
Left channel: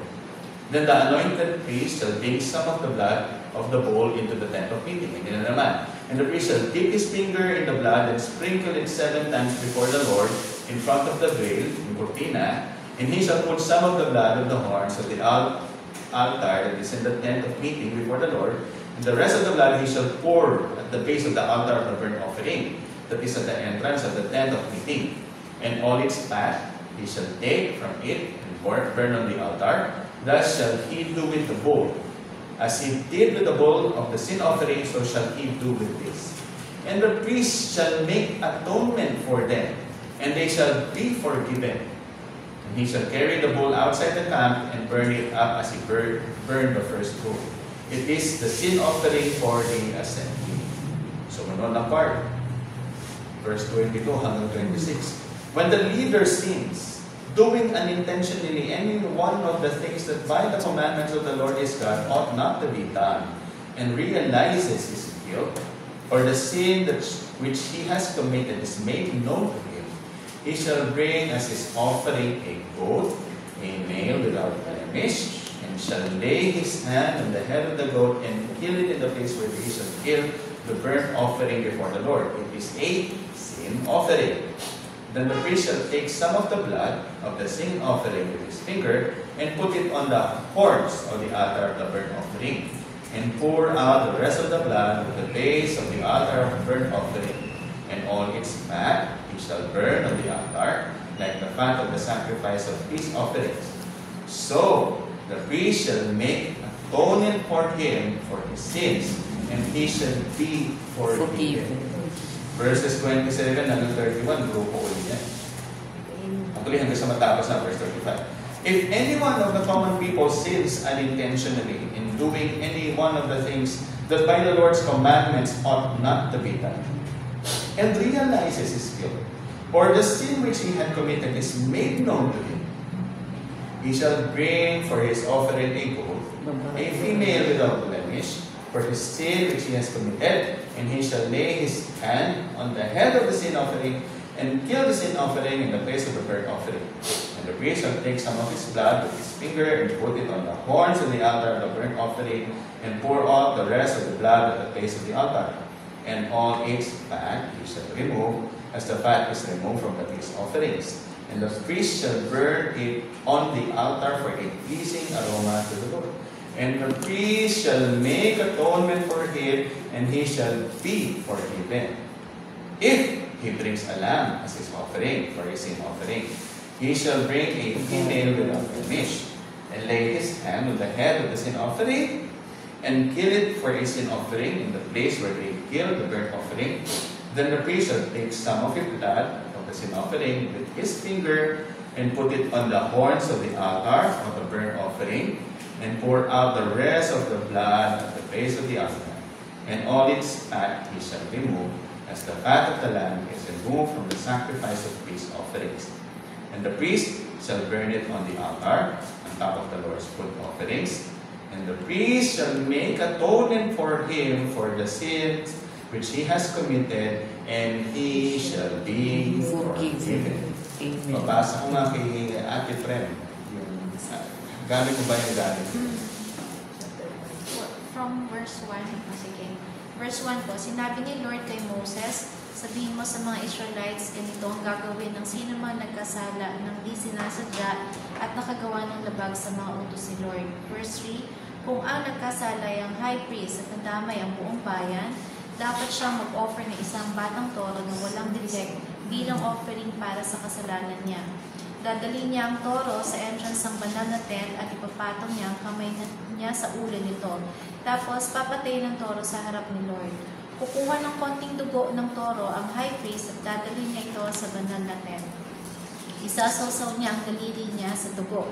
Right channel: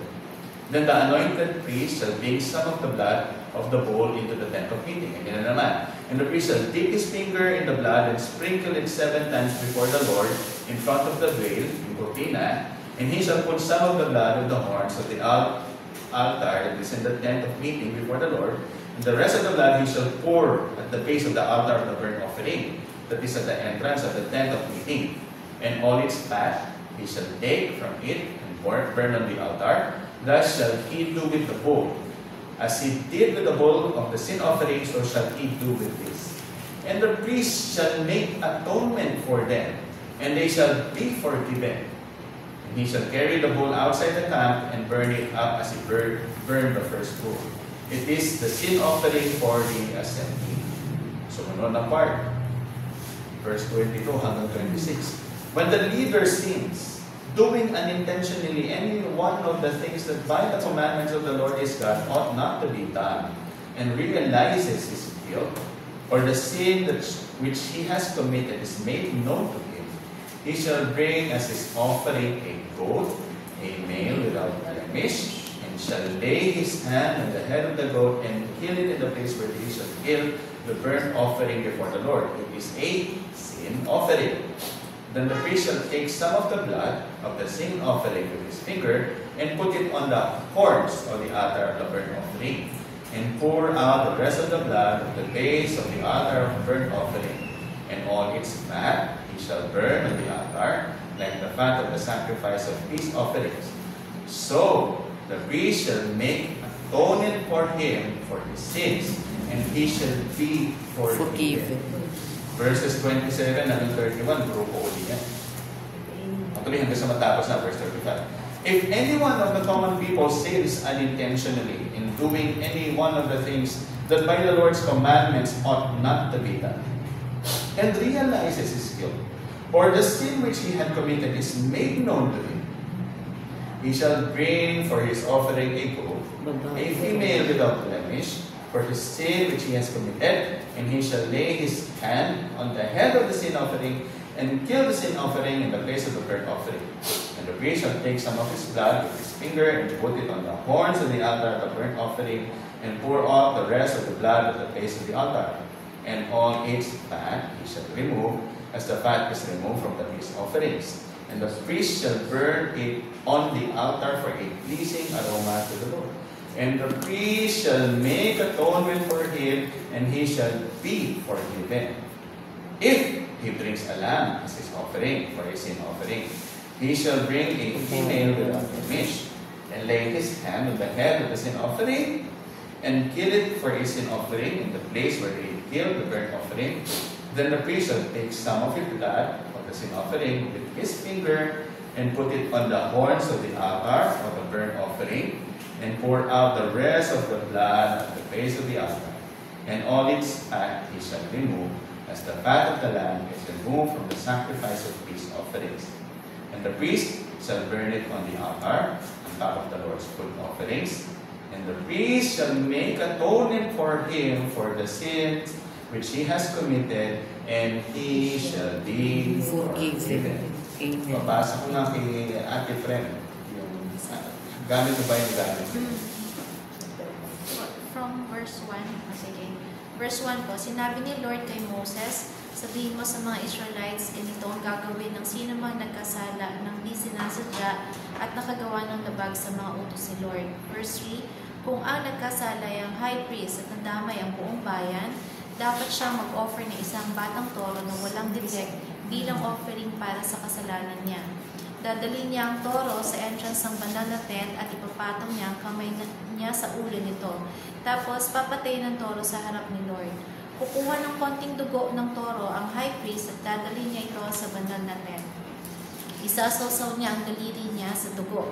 Then the anointed priest shall bring some of the blood of the bull into the tent of meeting. And the priest shall dip his finger in the blood and sprinkle it 7 times before the Lord in front of the veil, in Cortina, and he shall put some of the blood of the horns of the altar that is in the tent of meeting before the Lord, and the rest of the blood he shall pour at the base of the altar of the burnt offering, that is at the entrance of the tent of meeting. And all its fat he shall take from it and burn on the altar. Thus shall he do with the bull. As he did with the bull of the sin offering, so shall he do with this. And the priest shall make atonement for them, and they shall be forgiven. And he shall carry the bull outside the camp and burn it up as he burned the first bull. It is the sin offering for the assembly. So, ano na part? Verse 22 hanggang 26. When the leader sins, doing unintentionally any one of the things that by the commandments of the Lord his God ought not to be done, and realizes his guilt, for the sin which he has committed is made known to him, he shall bring as his offering a goat, a male without blemish, and shall lay his hand on the head of the goat and kill it in the place where he shall kill the burnt offering before the Lord. It is a sin offering. Then the priest shall take some of the blood of the sin offering with his finger and put it on the horns of the altar of the burnt offering, and pour out the rest of the blood at the base of the altar of the burnt offering, and all its fat he shall burn on the altar, like the fat of the sacrifice of peace offerings. So the priest shall make atonement for him for his sins, and he shall be forgiven. Verses 27 hanggang 31, grupo ulit yan. Actually, hanggang sa matapos na, verse 35. If any one of the common people sins unintentionally in doing any one of the things that by the Lord's commandments ought not to be done, and realizes his guilt, or the sin which he had committed is made known to him, he shall bring for his offering a goat, a female without blemish, for his sin which he has committed, and he shall lay his hand on the head of the sin offering and kill the sin offering in the place of the burnt offering. And the priest shall take some of his blood with his finger and put it on the horns of the altar of the burnt offering, and pour out the rest of the blood at the base of the altar. And all its fat he shall remove, as the fat is removed from the peace offerings. And the priest shall burn it on the altar for a pleasing aroma to the Lord. And the priest shall make atonement for him, and he shall be forgiven. If he brings a lamb as his offering for a sin offering. He shall bring a female without blemish, and lay his hand on the head of the sin offering, and kill it for a sin offering in the place where they killed the burnt offering. Then the priest shall take some of the blood of the sin offering with his finger, and put it on the horns of the altar of the burnt offering, and pour out the rest of the blood at the base of the altar. And all its fat he shall remove, as the fat of the lamb is removed from the sacrifice of peace offerings. And the priest shall burn it on the altar, on top of the Lord's food offerings. And the priest shall make atonement for him for the sins which he has committed, and he shall be forgiven. Amen. Mabasa ko nga kay Ate Friend. Gamit mo ba yung gamit? From verse 1, sige. Verse 1 po, sinabi ni Lord kay Moses, sabihin mo sa mga Israelites, ganito ang gagawin ng sino man nagkasala ng di sinasadya at nakagawa ng labag sa mga utos ni Lord. Verse 3, kung ang nagkasala ay ang high priest at nadamay ang buong bayan, dapat siyang mag-offer ng isang batang toro na walang defect bilang offering para sa kasalanan niya. Dadalhin niya ang toro sa entrance ng banal na tent at ipapatong niya ang kamay niya sa ulo nito. Tapos, papatayin ang toro sa harap ni Lord. Kukuha ng konting dugo ng toro ang high priest at dadalhin niya ito sa banal na tent. Isasawsaw niya ang daliri niya sa dugo.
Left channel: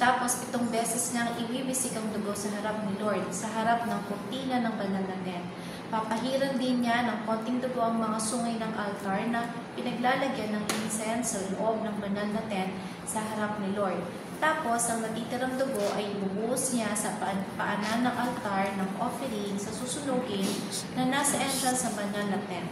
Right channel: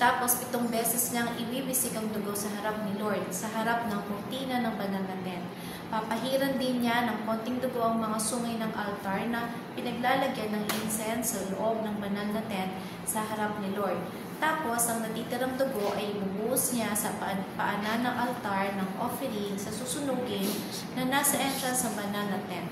Tapos, 7 beses niyang ibibisik ang dugo sa harap ni Lord, sa harap ng kurtina ng banal na tent. Papahiran din niya ng konting dugo ang mga sungay ng altar na pinaglalagyan ng incense sa loob ng banal na tent sa harap ni Lord. Tapos, ang natitirang dugo ay ibubuhos niya sa paanan ng altar ng offering sa susunugin na nasa entrance sa banal na tent.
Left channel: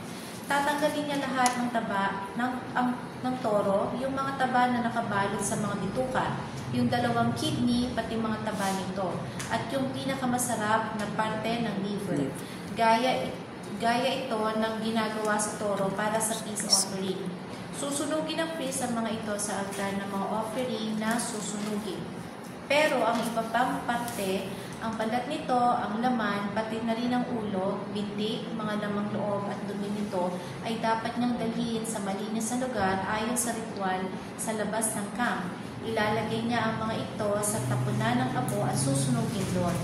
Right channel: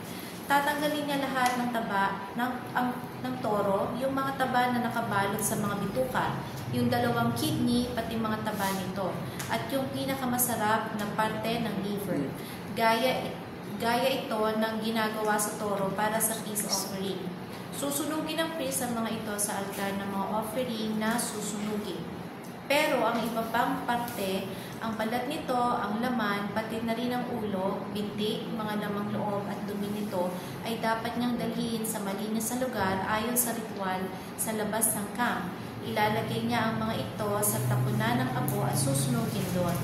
Tatanggalin niya lahat ng taba ng toro, yung mga taba na nakabalot sa mga bituka, yung 2 kidney, pati mga taba nito, at yung pinakamasarap na parte ng liver. Gaya ito ng ginagawa sa toro para sa peace offering. Susunugin ng priest ang mga ito sa altar ng mga offering na susunugin. Pero ang iba pang parte, ang balat nito, ang laman, pati na rin ang ulo, binti, mga lamang loob at dumi nito ay dapat niyang dalhin sa malinis na lugar ayon sa ritual sa labas ng camp. Ilalagay niya ang mga ito sa tapunan ng abo at susunugin doon.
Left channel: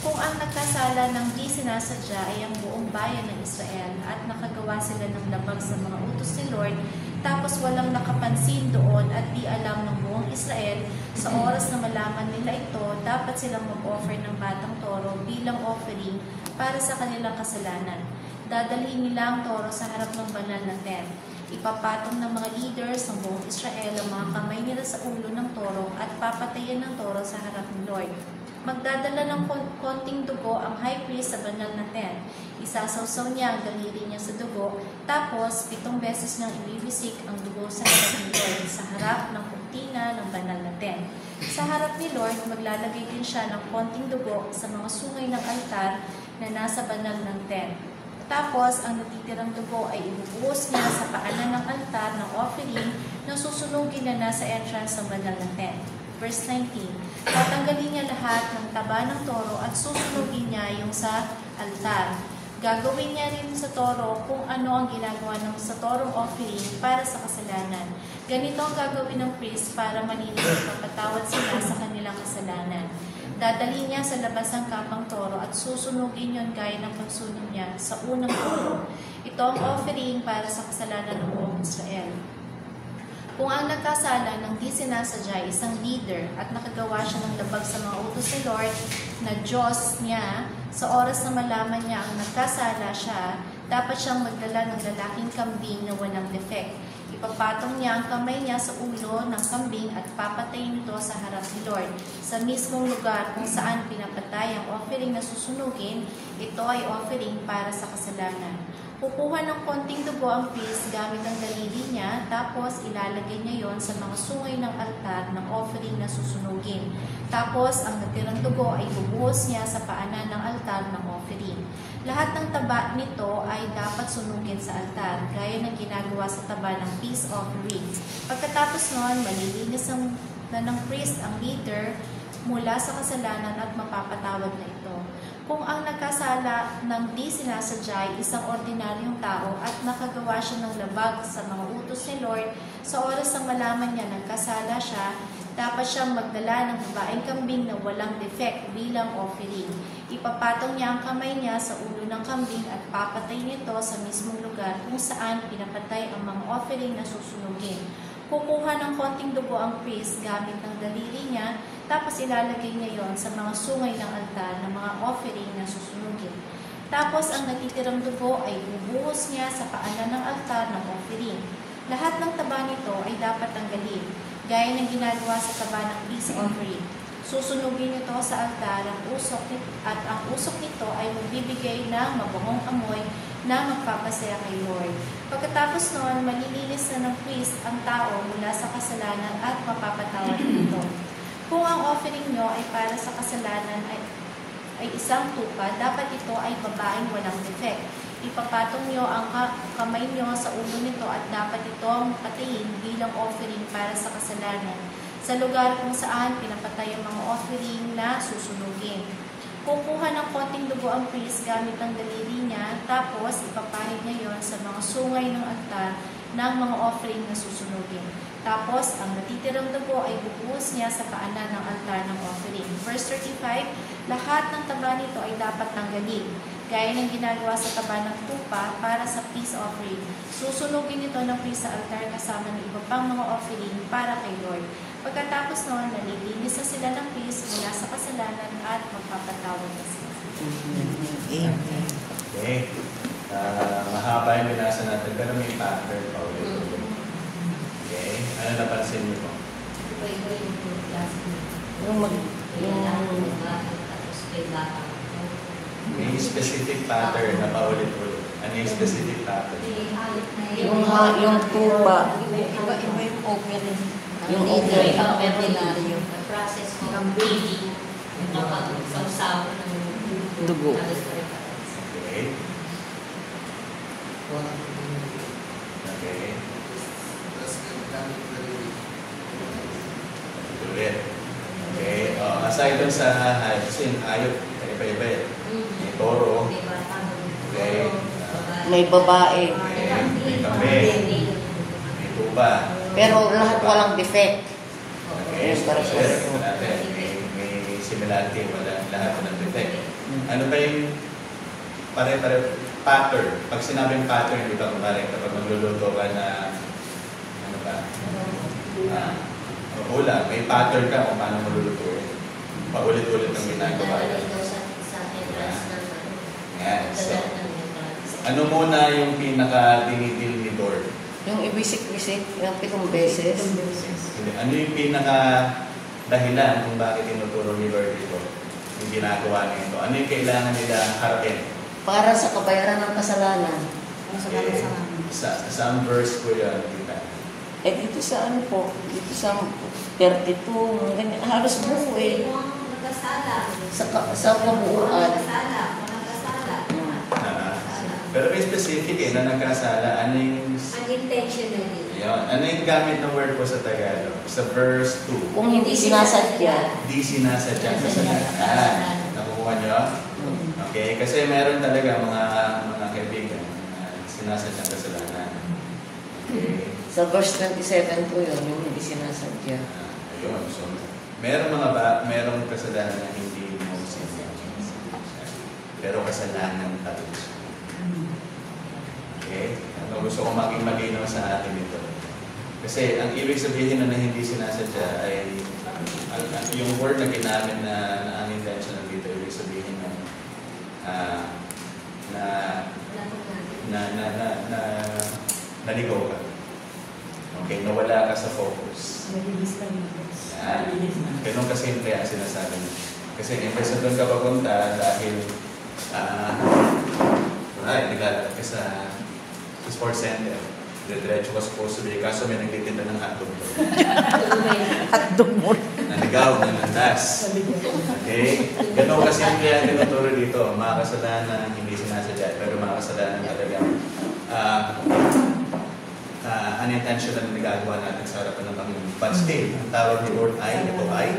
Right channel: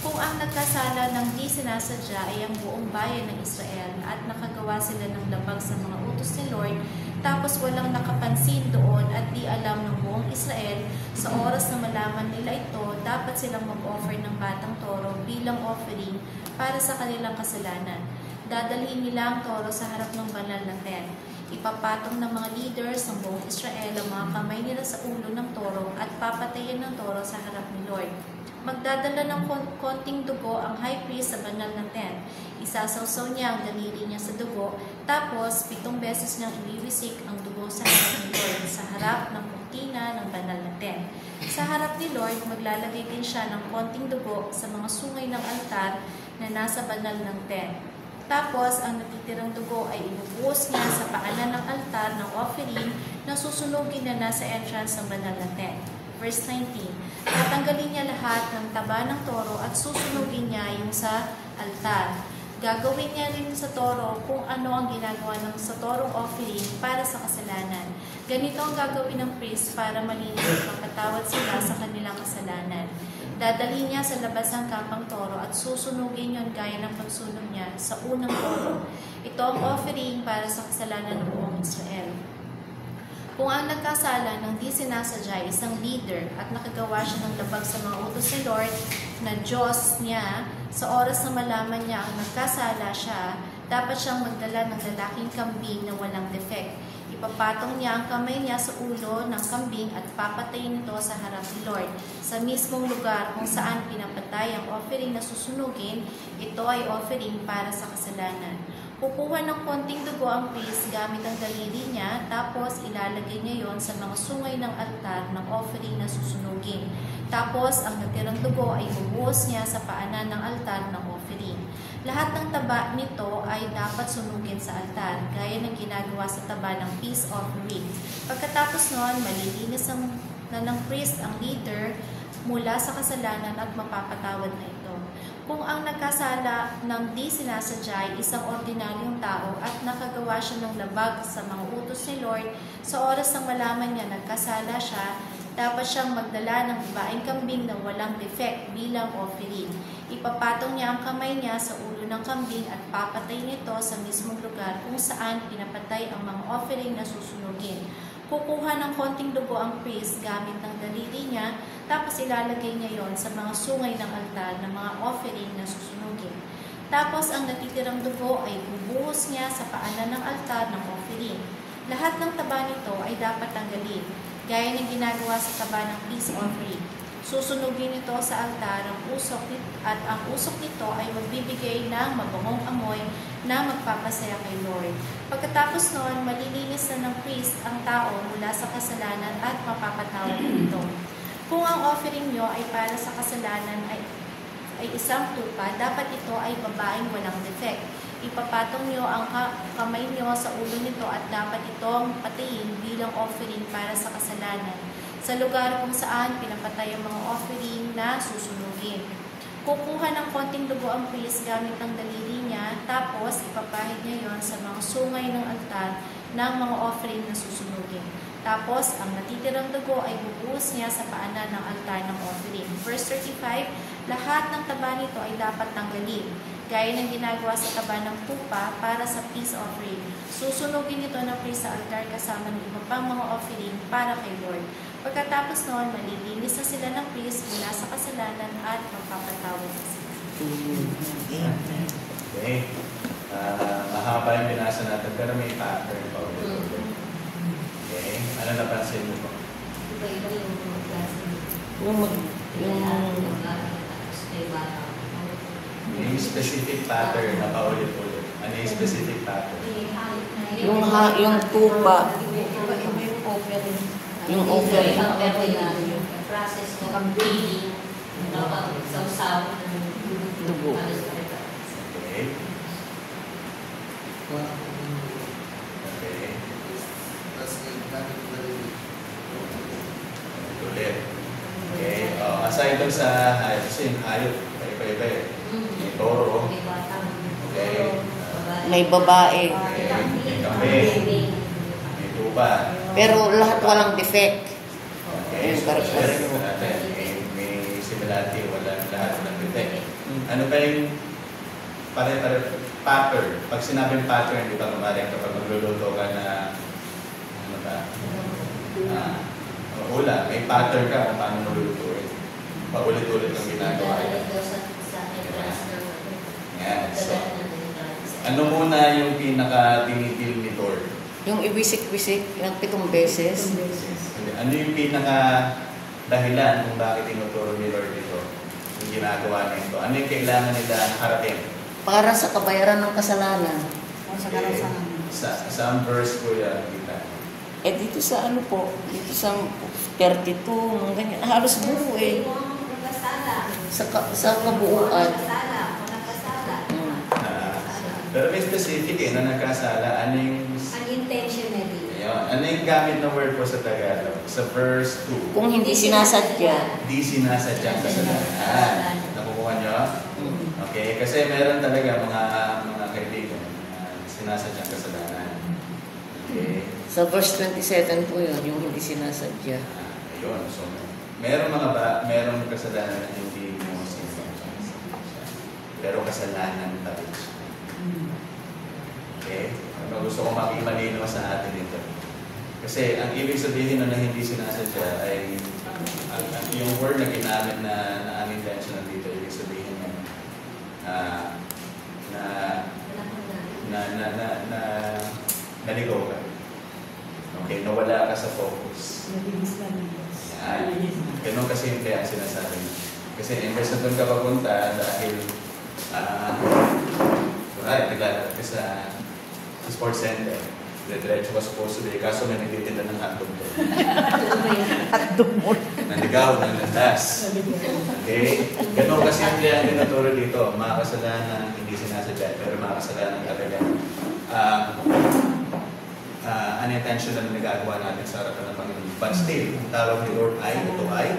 Kung ang nagkasala ng di sinasadya ay ang buong bayan ng Israel at nakagawa sila ng labag sa mga utos ni Lord, tapos walang nakapansin doon at di alam ng buong Israel, sa oras na malaman nila ito, dapat silang mag-offer ng batang toro bilang offering para sa kanilang kasalanan. Dadalhin nila ang toro sa harap ng banal na tent. Ipapatong ng mga leaders ng buong Israel ang mga kamay nila sa ulo ng toro at papatayin ng toro sa harap ni Lord. Magdadala ng konting dugo ang high priest sa banal na tent. Isasawsaw niya ang daliri niya sa dugo, tapos 7 beses niyang ibibisik ang dugo sa harap ni Lord, sa harap ng kurtina ng banal na tent. Sa harap ni Lord, maglalagay din siya ng konting dugo sa mga sungay ng altar na nasa banal ng tent. Tapos, ang natitirang dugo ay ibubuhos niya sa paanan ng altar ng offering na susunugin na nasa entrance ng banal na tent. Verse 19, tatanggalin niya lahat ng taba ng toro at susunugin niya yung sa altar. Gagawin niya rin sa toro kung ano ang ginagawa ng sa toro offering para sa kasalanan. Ganito ang gagawin ng priest para malinis at mapatawad sila sa kanilang kasalanan. Dadalhin niya sa labas ng kapang toro at susunugin yon gaya ng pagsunog niya sa unang toro. Ito ang offering para sa kasalanan ng buong Israel. Kung ang nagkasala ng di sinasadya isang leader at nakagawa siya ng labag sa mga utos ni Lord na Diyos niya, sa oras na malaman niya ang nagkasala siya, dapat siyang magdala ng lalaking kambing na walang defect. Ipapatong niya ang kamay niya sa ulo ng kambing at papatayin ito sa harap ni Lord. Sa mismong lugar kung saan pinapatay ang offering na susunugin, ito ay offering para sa kasalanan. Kukuha ng konting dugo ang priest gamit ang daliri niya, tapos ilalagay niya yon sa mga sungay ng altar ng offering na susunugin. Tapos, ang natirang dugo ay bubuhos niya sa paanan ng altar ng offering. Lahat ng taba nito ay dapat sunugin sa altar, gaya ng ginagawa sa taba ng peace offerings. Pagkatapos noon, malilinis na ng priest ang leader mula sa kasalanan at mapapatawad na ito. Kung ang nagkasala ng di sinasadya ay isang ordinaryong tao at nakagawa siya ng labag sa mga utos ni Lord, sa oras ng malaman niya nagkasala siya, dapat siyang magdala ng babaeng kambing na walang defect bilang offering. Ipapatong niya ang kamay niya sa ulo ng kambing at papatay nito sa mismong lugar kung saan pinapatay ang mga offering na susunugin. Kukuha ng konting dugo ang priest gamit ng daliri niya, tapos ilalagay niya yon sa mga sungay ng altar ng mga offering na susunugin. Tapos ang natitirang dugo ay bubuhos niya sa paanan ng altar ng offering. Lahat ng taba nito ay dapat tanggalin, gaya ng ginagawa sa taba ng peace offering. Susunugin ito sa altar at ang usok nito ay magbibigay ng mabangong amoy na magpapasaya kay Lord. Pagkatapos noon, malilinis na ng priest ang tao mula sa kasalanan at mapapatawad nito. Kung ang offering nyo ay para sa kasalanan ay isang tupa, dapat ito ay babaeng walang defect. Ipapatong nyo ang kamay nyo sa ulo nito at dapat itong patiin bilang offering para sa kasalanan sa lugar kung saan pinapatay ang mga offering na susunugin. Kukuha ng konting dugo ang priest gamit ang daliri niya, tapos ipapahid niya yon sa mga sungay ng altar ng mga offering na susunugin. Tapos, ang natitirang dugo ay bubuhos niya sa paanan ng altar ng offering. Verse 35, lahat ng taba nito ay dapat tanggalin, gaya ng ginagawa sa taba ng tupa para sa peace offering. Susunugin ito ng priest sa altar kasama ng iba pang mga offering para kay Lord. Pagkatapos noon, malilinis na sila ng priest mula sa kasalanan at magpapatawad na sila. Amen. Okay. Mahaba yung binasa natin, pero may pattern. Okay. Ano napansin mo? May specific pattern na paulit-ulit. Ano yung specific pattern? Yung tupa. Yung offering. Yung process ng bleeding, dapat sausaw ng Dugo. Okay. Okay. Ulit. Okay. Aside dun sa hayop, kasi yung hayop, iba-iba eh. May toro. Okay. May babae. Okay. May kami. May tuba. Pero lahat walang defect. Okay. Ayun, parang May similarity, wala lahat ng defect. Ano ba yung pare-pare pattern? Pag sinabing pattern, di ba kumarik kapag magluluto ka na ano ka? Wala, may pattern ka kung paano magluluto eh. Paulit-ulit ang ginagawa. Yan. So, ano muna yung pinaka-tinitil ni Lord? Yung ibisik-bisik ng 7 beses. Ano yung pinaka-dahilan kung bakit tinuturo ni Lord ito? Yung ginagawa nito? Ano yung kailangan nila harapin? Para sa kabayaran ng kasalanan. Some verse ko yan. Dito sa ano po, dito sa 32, ganyan, halos buo eh. Sa kabuuan. Pero may specific na nagkasala. Ano yung... Unintentionally. Ayun. Ano yung gamit ng word ko sa Tagalog? Sa verse 2. Kung hindi sinasadya. Di sinasadya kasalanan. Nakukuha niyo? Okay. Kasi meron talaga mga kaibigan sinasadya kasalanan. Okay. Sa verse 27 po yun, yung hindi sinasadya. Ayun. So, merong kasalanan na hindi mo sinasadya. Pero kasalanan pa rin siya. Okay? Gusto ko maging malinaw sa atin ito. Kasi ang ibig sabihin na hindi sinasadya ay yung word na ginamit na unintentional dito, ibig sabihin na naligaw ka. Okay, nawala ka sa focus. Ganun kasi kaya sinasabi. Kasi in-person doon ka papunta dahil naglalagay ka sa sports center. Diretso ka sa puso day. Kaso may nagtitinda ng hotdog. Hotdog mo. Naligaw, nalandas. Okay? Ganun kasi kaya tinuturo dito. Mga kasalanan hindi sinasadya. Pero mga kasalanan talaga unintentional na nagagawa natin sa harapan ng Panginoon. But still, ang tawag ni Lord ay, ito ay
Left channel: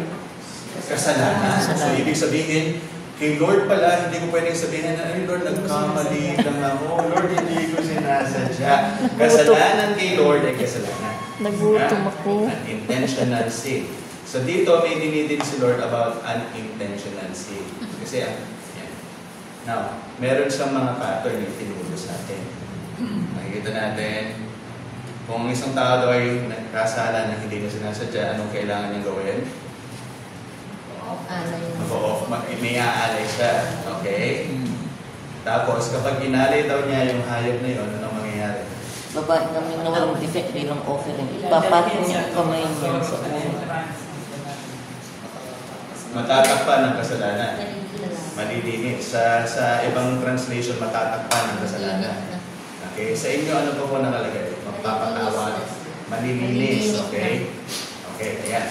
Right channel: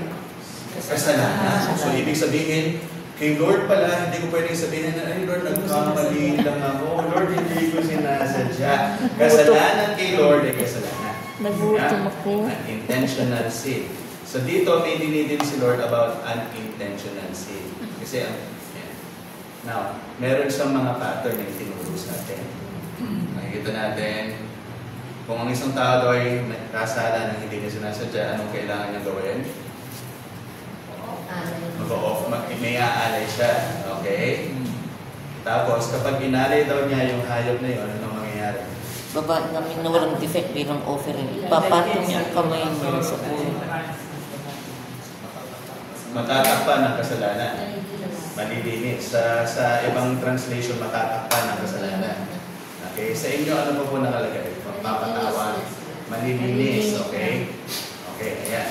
kasalanan. So, ibig sabihin, Kay Lord pala, hindi ko pwedeng sabihin na, ay Lord, nagkamali lang ako. Lord, hindi ko sinasadya. Kasalanan kay Lord ay kasalanan. Nagutom ako. Unintentional sin. So dito, may dinidin si Lord about unintentional sin. Kasi, now, meron siyang mga pattern na itinuro sa atin. Nakikita natin, kung ang isang tao ay nagkasala na hindi niya sinasadya, anong kailangan niyang gawin? May aalay siya. Okay? Tapos, kapag inalay daw niya yung hayop na yun, anong mangyayari? Baba namin na walang defect bilang offering. Ipapatong yung kamay niya sa ulo. Matatakpan ng kasalanan. Malilinis. Sa ibang translation, matatakpan ng kasalanan. Okay? Sa inyo, ano pa po nakalagay? Magpapatawa. Malilinis. Okay? Okay, ayan.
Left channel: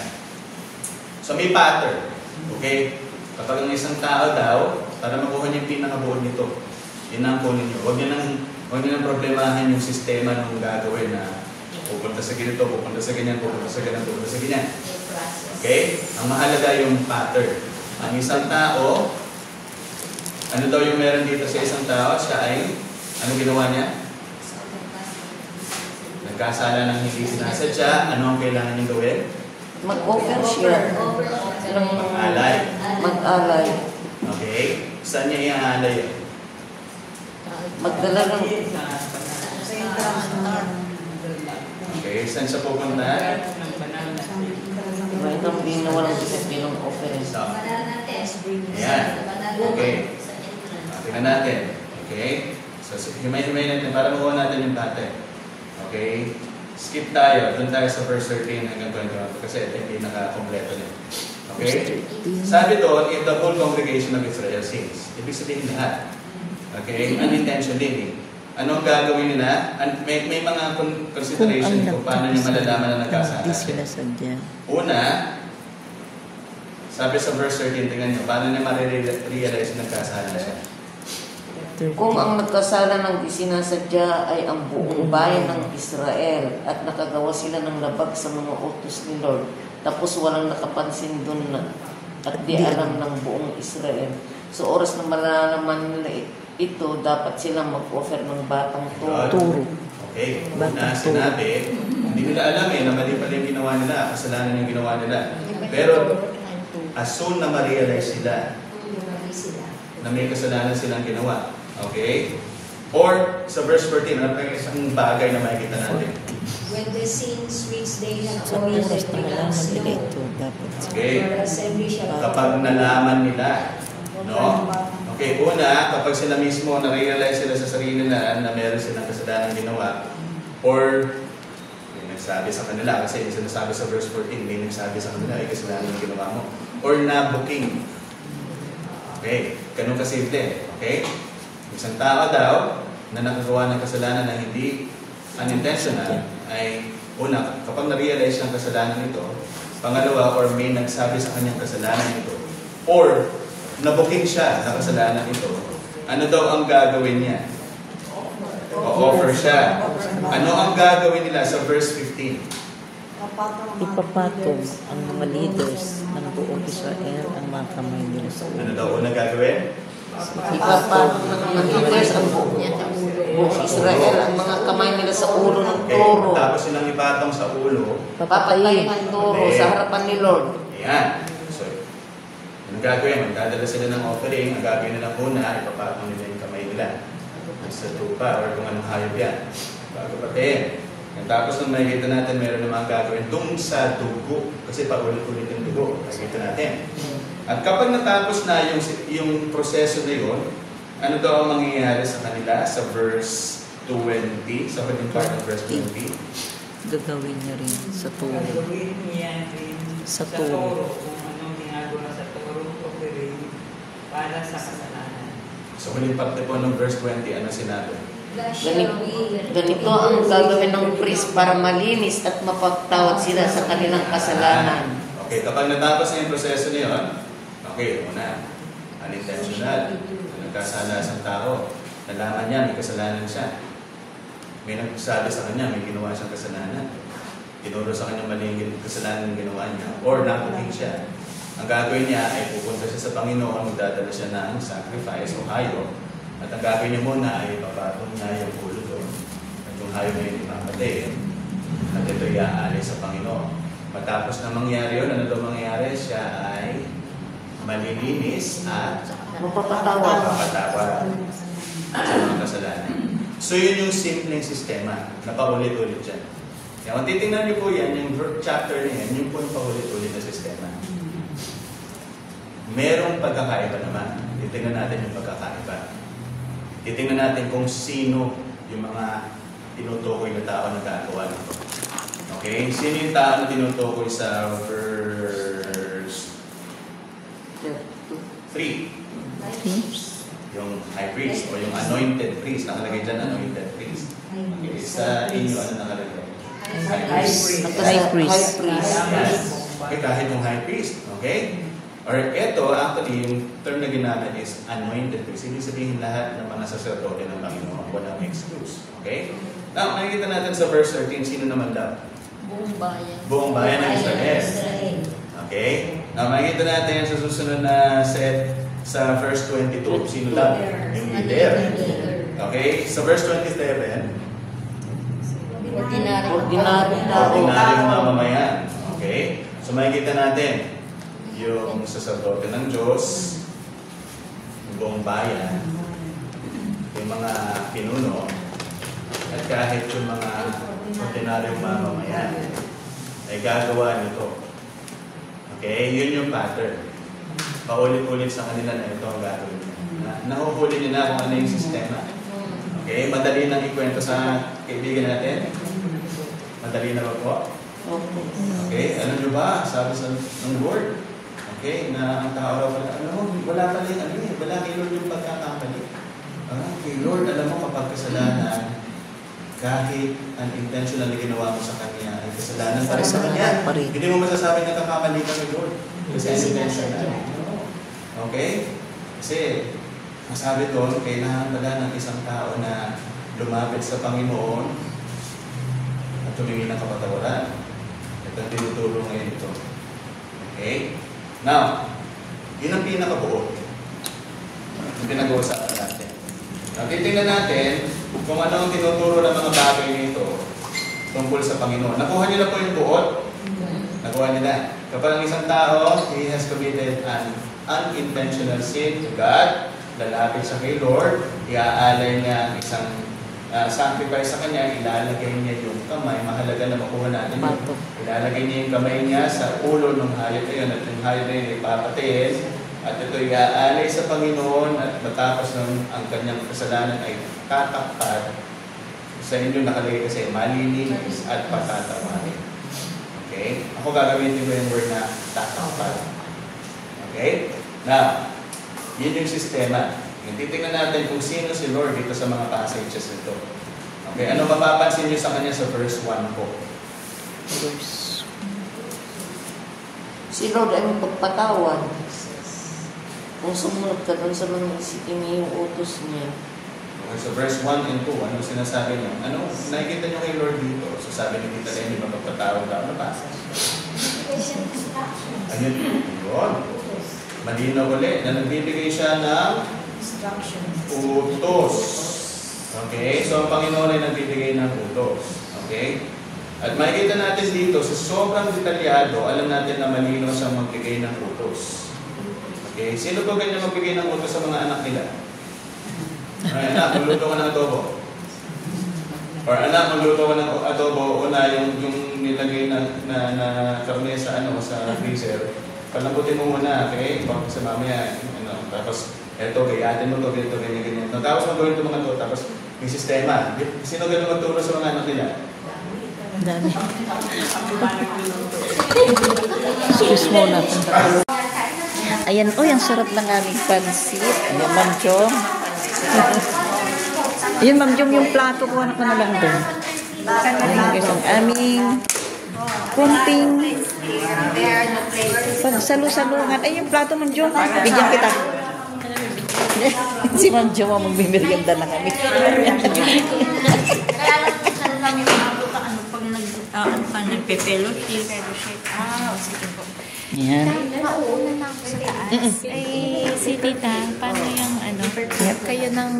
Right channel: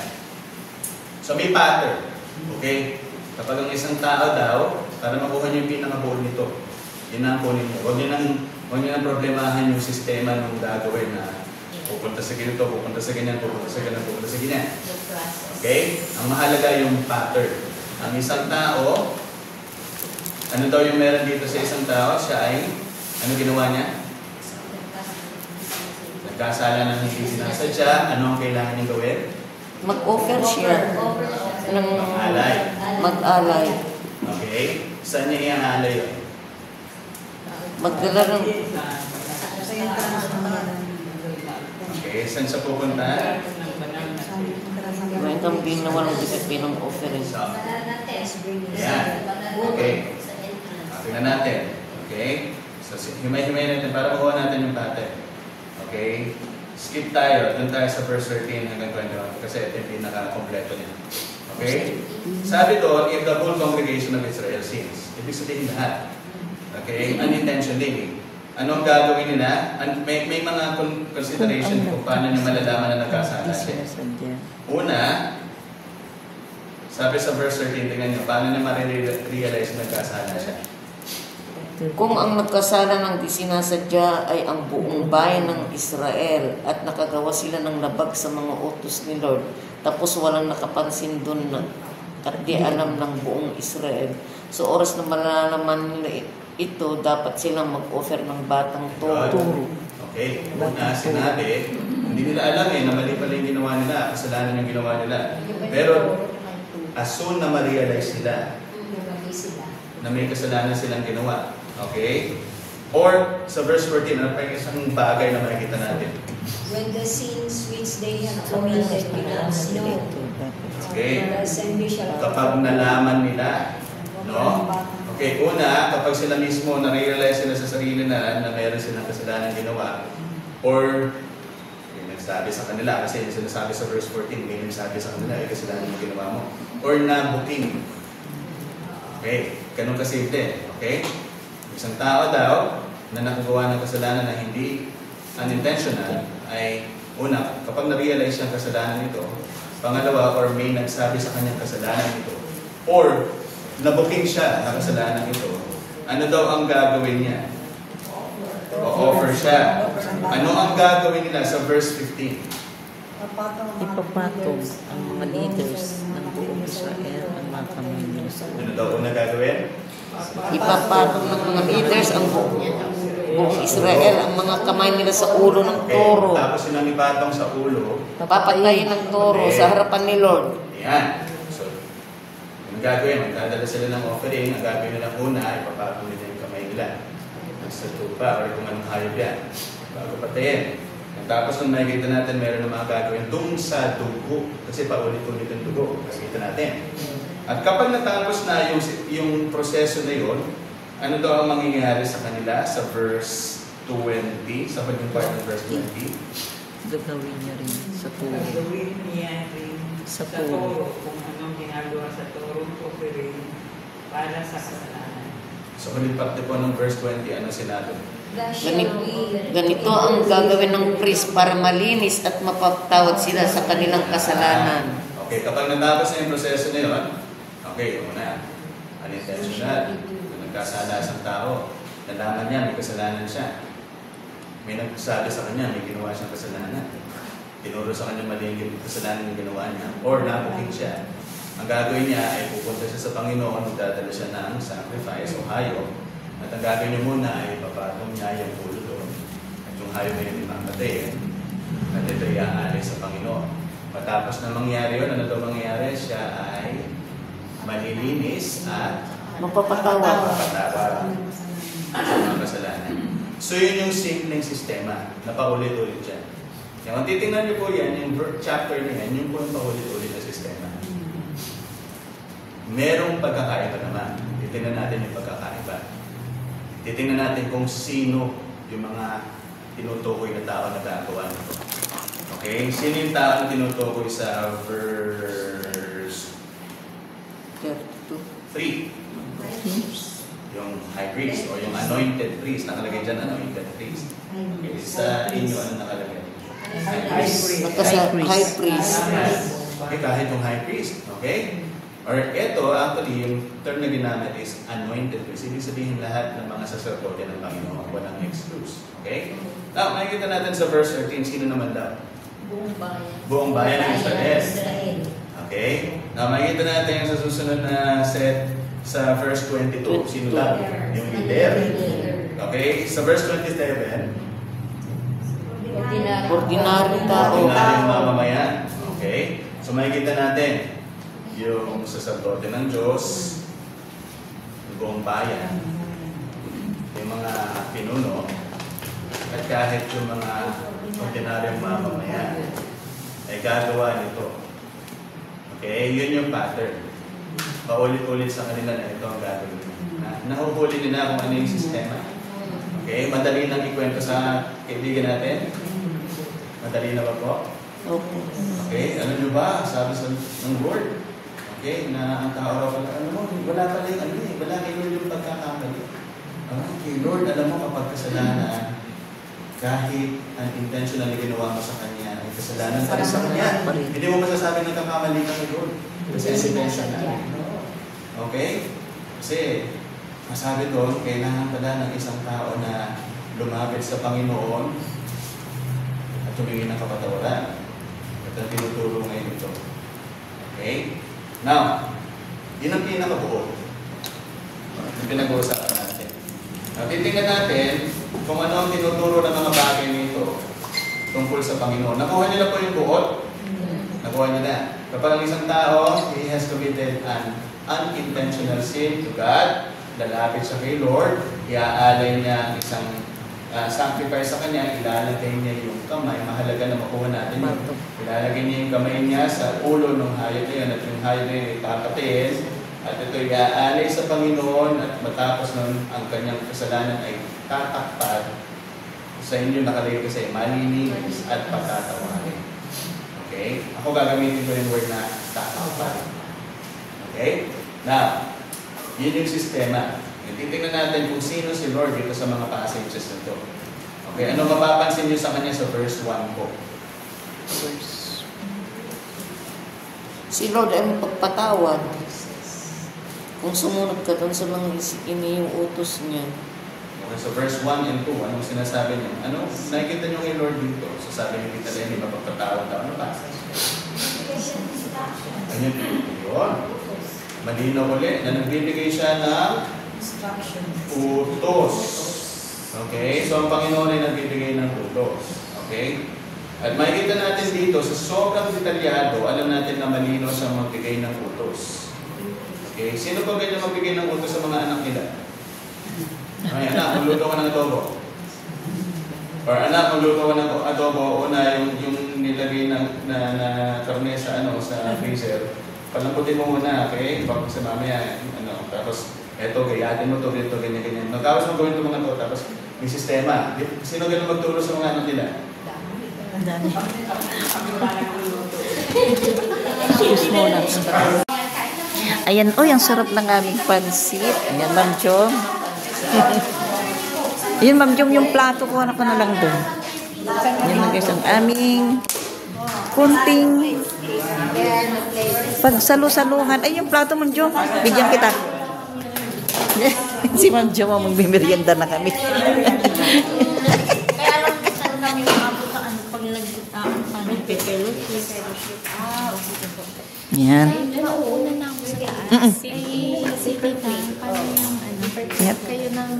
So, may pattern. Okay? Kapag ang isang tao daw, para makuha niyo yung pinakabuo nito, yun ang kunin niyo. Huwag niyo nang problemahan yung sistema ng gagawin na pupunta sa ganito, pupunta sa ganyan, pupunta sa ganyan, pupunta sa ganyan. Okay? Ang mahalaga yung pattern. Ang isang tao, ano daw yung meron dito sa isang tao? Siya ay, ano ginawa niya? Nagkasala ng hindi sinasadya. Ano ang kailangan niyang gawin? Mag-offer siya ng Mag-alay. mag-alay. Okay? Saan niya i-alay? Magdala ng Okay? Saan siya pupunta? right ang pinawalang defect bilang offering. So, yan. Okay. Tingnan natin. Okay? So, himay-himay natin para makuha natin yung pattern. Okay? Skip tayo. Doon tayo sa verse 13 hanggang 21 kasi ito yung pinaka-kompleto niya. Okay? Sabi doon, if the whole congregation of Israel sins. Ibig sabihin lahat. Okay? Unintentionally. Ano ang gagawin nila? May mga consideration kung paano nyo malalaman na nagkasala. Una, sabi sa verse 13, tingnan nyo, paano nyo ma-realize na nagkasala siya? Kung ang nagkasala ng isinasadya ay ang buong bayan ng Israel at nakagawa sila ng labag sa mga utos ni Lord, tapos walang nakapansin doon na at di alam ng buong Israel. So oras na malalaman nila ito, dapat silang mag-offer ng batang toro. Okay. Una, sinabi, hindi nila alam na mali pala yung ginawa nila, kasalanan yung ginawa nila. Pero as soon na ma-realize sila na may kasalanan silang ginawa. Okay? Or, sa verse 14, ano pa isang bagay na makikita natin? When the sins which they have committed become slow, Okay? the assembly shall Kapag nalaman nila, no? Okay, una, kapag sila mismo na-realize sila sa sarili nila na meron silang kasalanan ginawa, or may sabi sa kanila, kasi yung sinasabi sa verse 14, may sabi sa kanila, ay kasalanan yung ginawa mo, or na-booking. Okay, ganun kasimple. Okay? Isang tao daw na nakagawa ng kasalanan na hindi unintentional ay una, kapag na-realize ng kasalanan ito, pangalawa, or may nagsabi sa kanyang kasalanan ito, or nabuking siya na kasalanan ito, ano daw ang gagawin niya? O-offer siya. Ano ang gagawin nila sa verse 15? Ipapatong ang mga leaders ng buong Israel ang mga kamay nila sa ulo. Ano daw unang gagawin? Ipapatong ng mga leaders ang buong Israel ang mga kamay nila sa ulo ng toro. Tapos silang ipatong sa ulo. Papatayin ng toro sa harapan ni Lord. Ayan. So, ang gagawin, magdadala sila ng offering, ang gagawin nila una, ipapatong nila yung kamay nila. Sa tupa, or kung anong hayop yan. Bago patayin. Tapos nung makikita natin, meron na mga gagawin dun sa dugo. Kasi paulit-ulit yung dugo. Makikita natin. At kapag natapos na yung proseso na yun, ano daw ang mangyayari sa kanila sa verse 20? Sa huling part ng verse 20? Gagawin niya rin sa turo. Gagawin niya rin sa turo. Kung anong ginagawa sa turo ko rin para sa kasalanan. So huling part po ng verse 20, ano sinabi? Ganito ang gagawin ng priest para malinis at mapagtawad sila sa kanilang kasalanan. Okay, kapag natapos na yung proseso niyon, okay, ito na. Unintentional. Nagkasala sa tao. Nalaman niya, may kasalanan siya. May nagsabi sa kanya, may ginawa siyang kasalanan. Tinuro sa kanya mali yung kasalanan yung ginawa niya. Or nakuking siya. Ang gagawin niya ay pupunta siya sa Panginoon, magdadala siya ng sacrifice o hayop. At ang gagawin niya muna ay papatong niya yung ulo doon. At yung hayop na yun ipamatay. At ito iaalay sa Panginoon. Matapos na mangyari yun, ano ito mangyayari? Siya ay malilinis at Mapapatawa. sa mga kasalanan. So yun yung simpleng sistema na paulit-ulit dyan. Kaya kung titingnan niyo po yan, yung chapter na yan, yung po paulit-ulit na sistema. Merong pagkakaiba naman. Titingnan natin yung pagkakaiba. Titingnan natin kung sino yung mga tinutukoy na tao na gagawa nito. Okay? Sino yung tao na tinutukoy sa verse 3? Yung high priest o yung anointed priest. Nakalagay dyan, anointed priest. Okay, sa inyo, ano nakalagay? High priest. High priest. Yes. Okay, kahit yung high priest. Okay? Or ito, actually, yung term na ginamit is anointed priest. Ibig sabihin lahat ng mga sacerdote ng Panginoon. Walang excuse. Okay? Now, nakikita natin sa verse 13, sino naman daw? Buong bayan. Buong bayan ng Israel. Okay? Now, makikita natin sa susunod na set sa verse 22. Sino daw? Yung leader. Okay? Sa verse 27, Ordinaryong tao. ordinaryong mamamayan. Okay? So, makikita natin yung sacerdote ng Diyos, yung buong bayan, yung mga pinuno, at kahit yung mga ordinaryong mamamayan, ay gagawa nito. Okay? Yun yung pattern. Paulit-ulit sa kanila na ito ang gagawin. Nahuhuli niyo na kung ano yung sistema. Okay? Madali nang ikwento sa kaibigan natin. Madali na ba po? Okay? Alam niyo ba, sabi sa ng Lord, okay, na ang tao raw na, wala pala yung ano eh, wala kay Lord yung pagkakamali. Kay Lord, alam mo kapag kasalanan, kahit unintentionally ginawa mo sa kanya, ay kasalanan para sa kanya. Hindi mo masasabi na kakamali ka kay Lord. Kasi okay? Kasi, masabi doon, kailangan pala ng isang tao na lumapit sa Panginoon at humingi ng kapatawaran. Ito ang tinuturo ngayon ito. Okay? Now, yun ang pinakabuo. Yung pinag-uusapan natin. Titingnan natin kung ano ang tinuturo ng mga bagay nito tungkol sa Panginoon. Nakuha niyo na po yung buot? Nakuha niyo na. Kapag ang isang tao, he has committed an unintentional sin to God, lalapit siya kay Lord, iaalay niya isang sacrifice sa kanya, ilalagay niya yung kamay, mahalaga na makuha natin yun. Ilalagay niya yung kamay niya sa ulo ng hayop na yun, at yung hayop na yun ipapatayin, at ito iaalay sa Panginoon, at matapos ng ang kanyang kasalanan ay tatakpan. Sa inyo nakalagay kasi malilinis at patatawarin. Okay? Ako gagamitin ko yung word na tatakpan. Okay? Now, yun yung sistema. Titingnan natin kung sino si Lord dito sa mga passages nito. Okay, ano mapapansin niyo sa kanya sa verse 1 po? Si Lord ay magpatawad. Kung sumunod ka dun sa mga yung utos niya. Okay, so verse 1 and 2, ano sinasabi niya? Ano? Nakikita niyo kay Lord dito. So sabi ni Tita Lenny, magpapatawad ka. Ano pa? Ano yun? Malinaw ulit na nagbibigay siya ng utos. Okay? So, ang Panginoon ay nagbibigay ng utos. Okay? At makikita natin dito, sa sobrang detalyado, alam natin na malinaw siya magbigay ng utos. Okay? Sino po ganyan magbigay ng utos sa mga anak nila? Ay, anak, magluto ko ng adobo. Or anak, magluto ko ng adobo o na yung nilagay na karne sa freezer. Palambutin mo muna, okay? Bakit sa mamaya, tapos eto, gayatin mo ito, ganito, ganyan. Tapos magawin ito mga ito, tapos yung sistema. Sino ganun magturo sa mga anak nila? Dami. Excuse mo na. Ayan, ang sarap ng aming pansit. Ayan, Ma'am Jom. Yun, Ma'am Jom, yung plato ko, ano ko na lang doon. Ayan, guys, ang aming kunting pagsalo-saluhan. Ay, yung plato, Ma'am Jom. Bigyan kita. Si Ma'am Jom, magmimerienda na kami. Kaya alam ko sa lang yung ako pag nagpe-fellowship. Sige po. Yan. Nauuna na ako sa taas. Si tita, paano yung ano? Kayo ng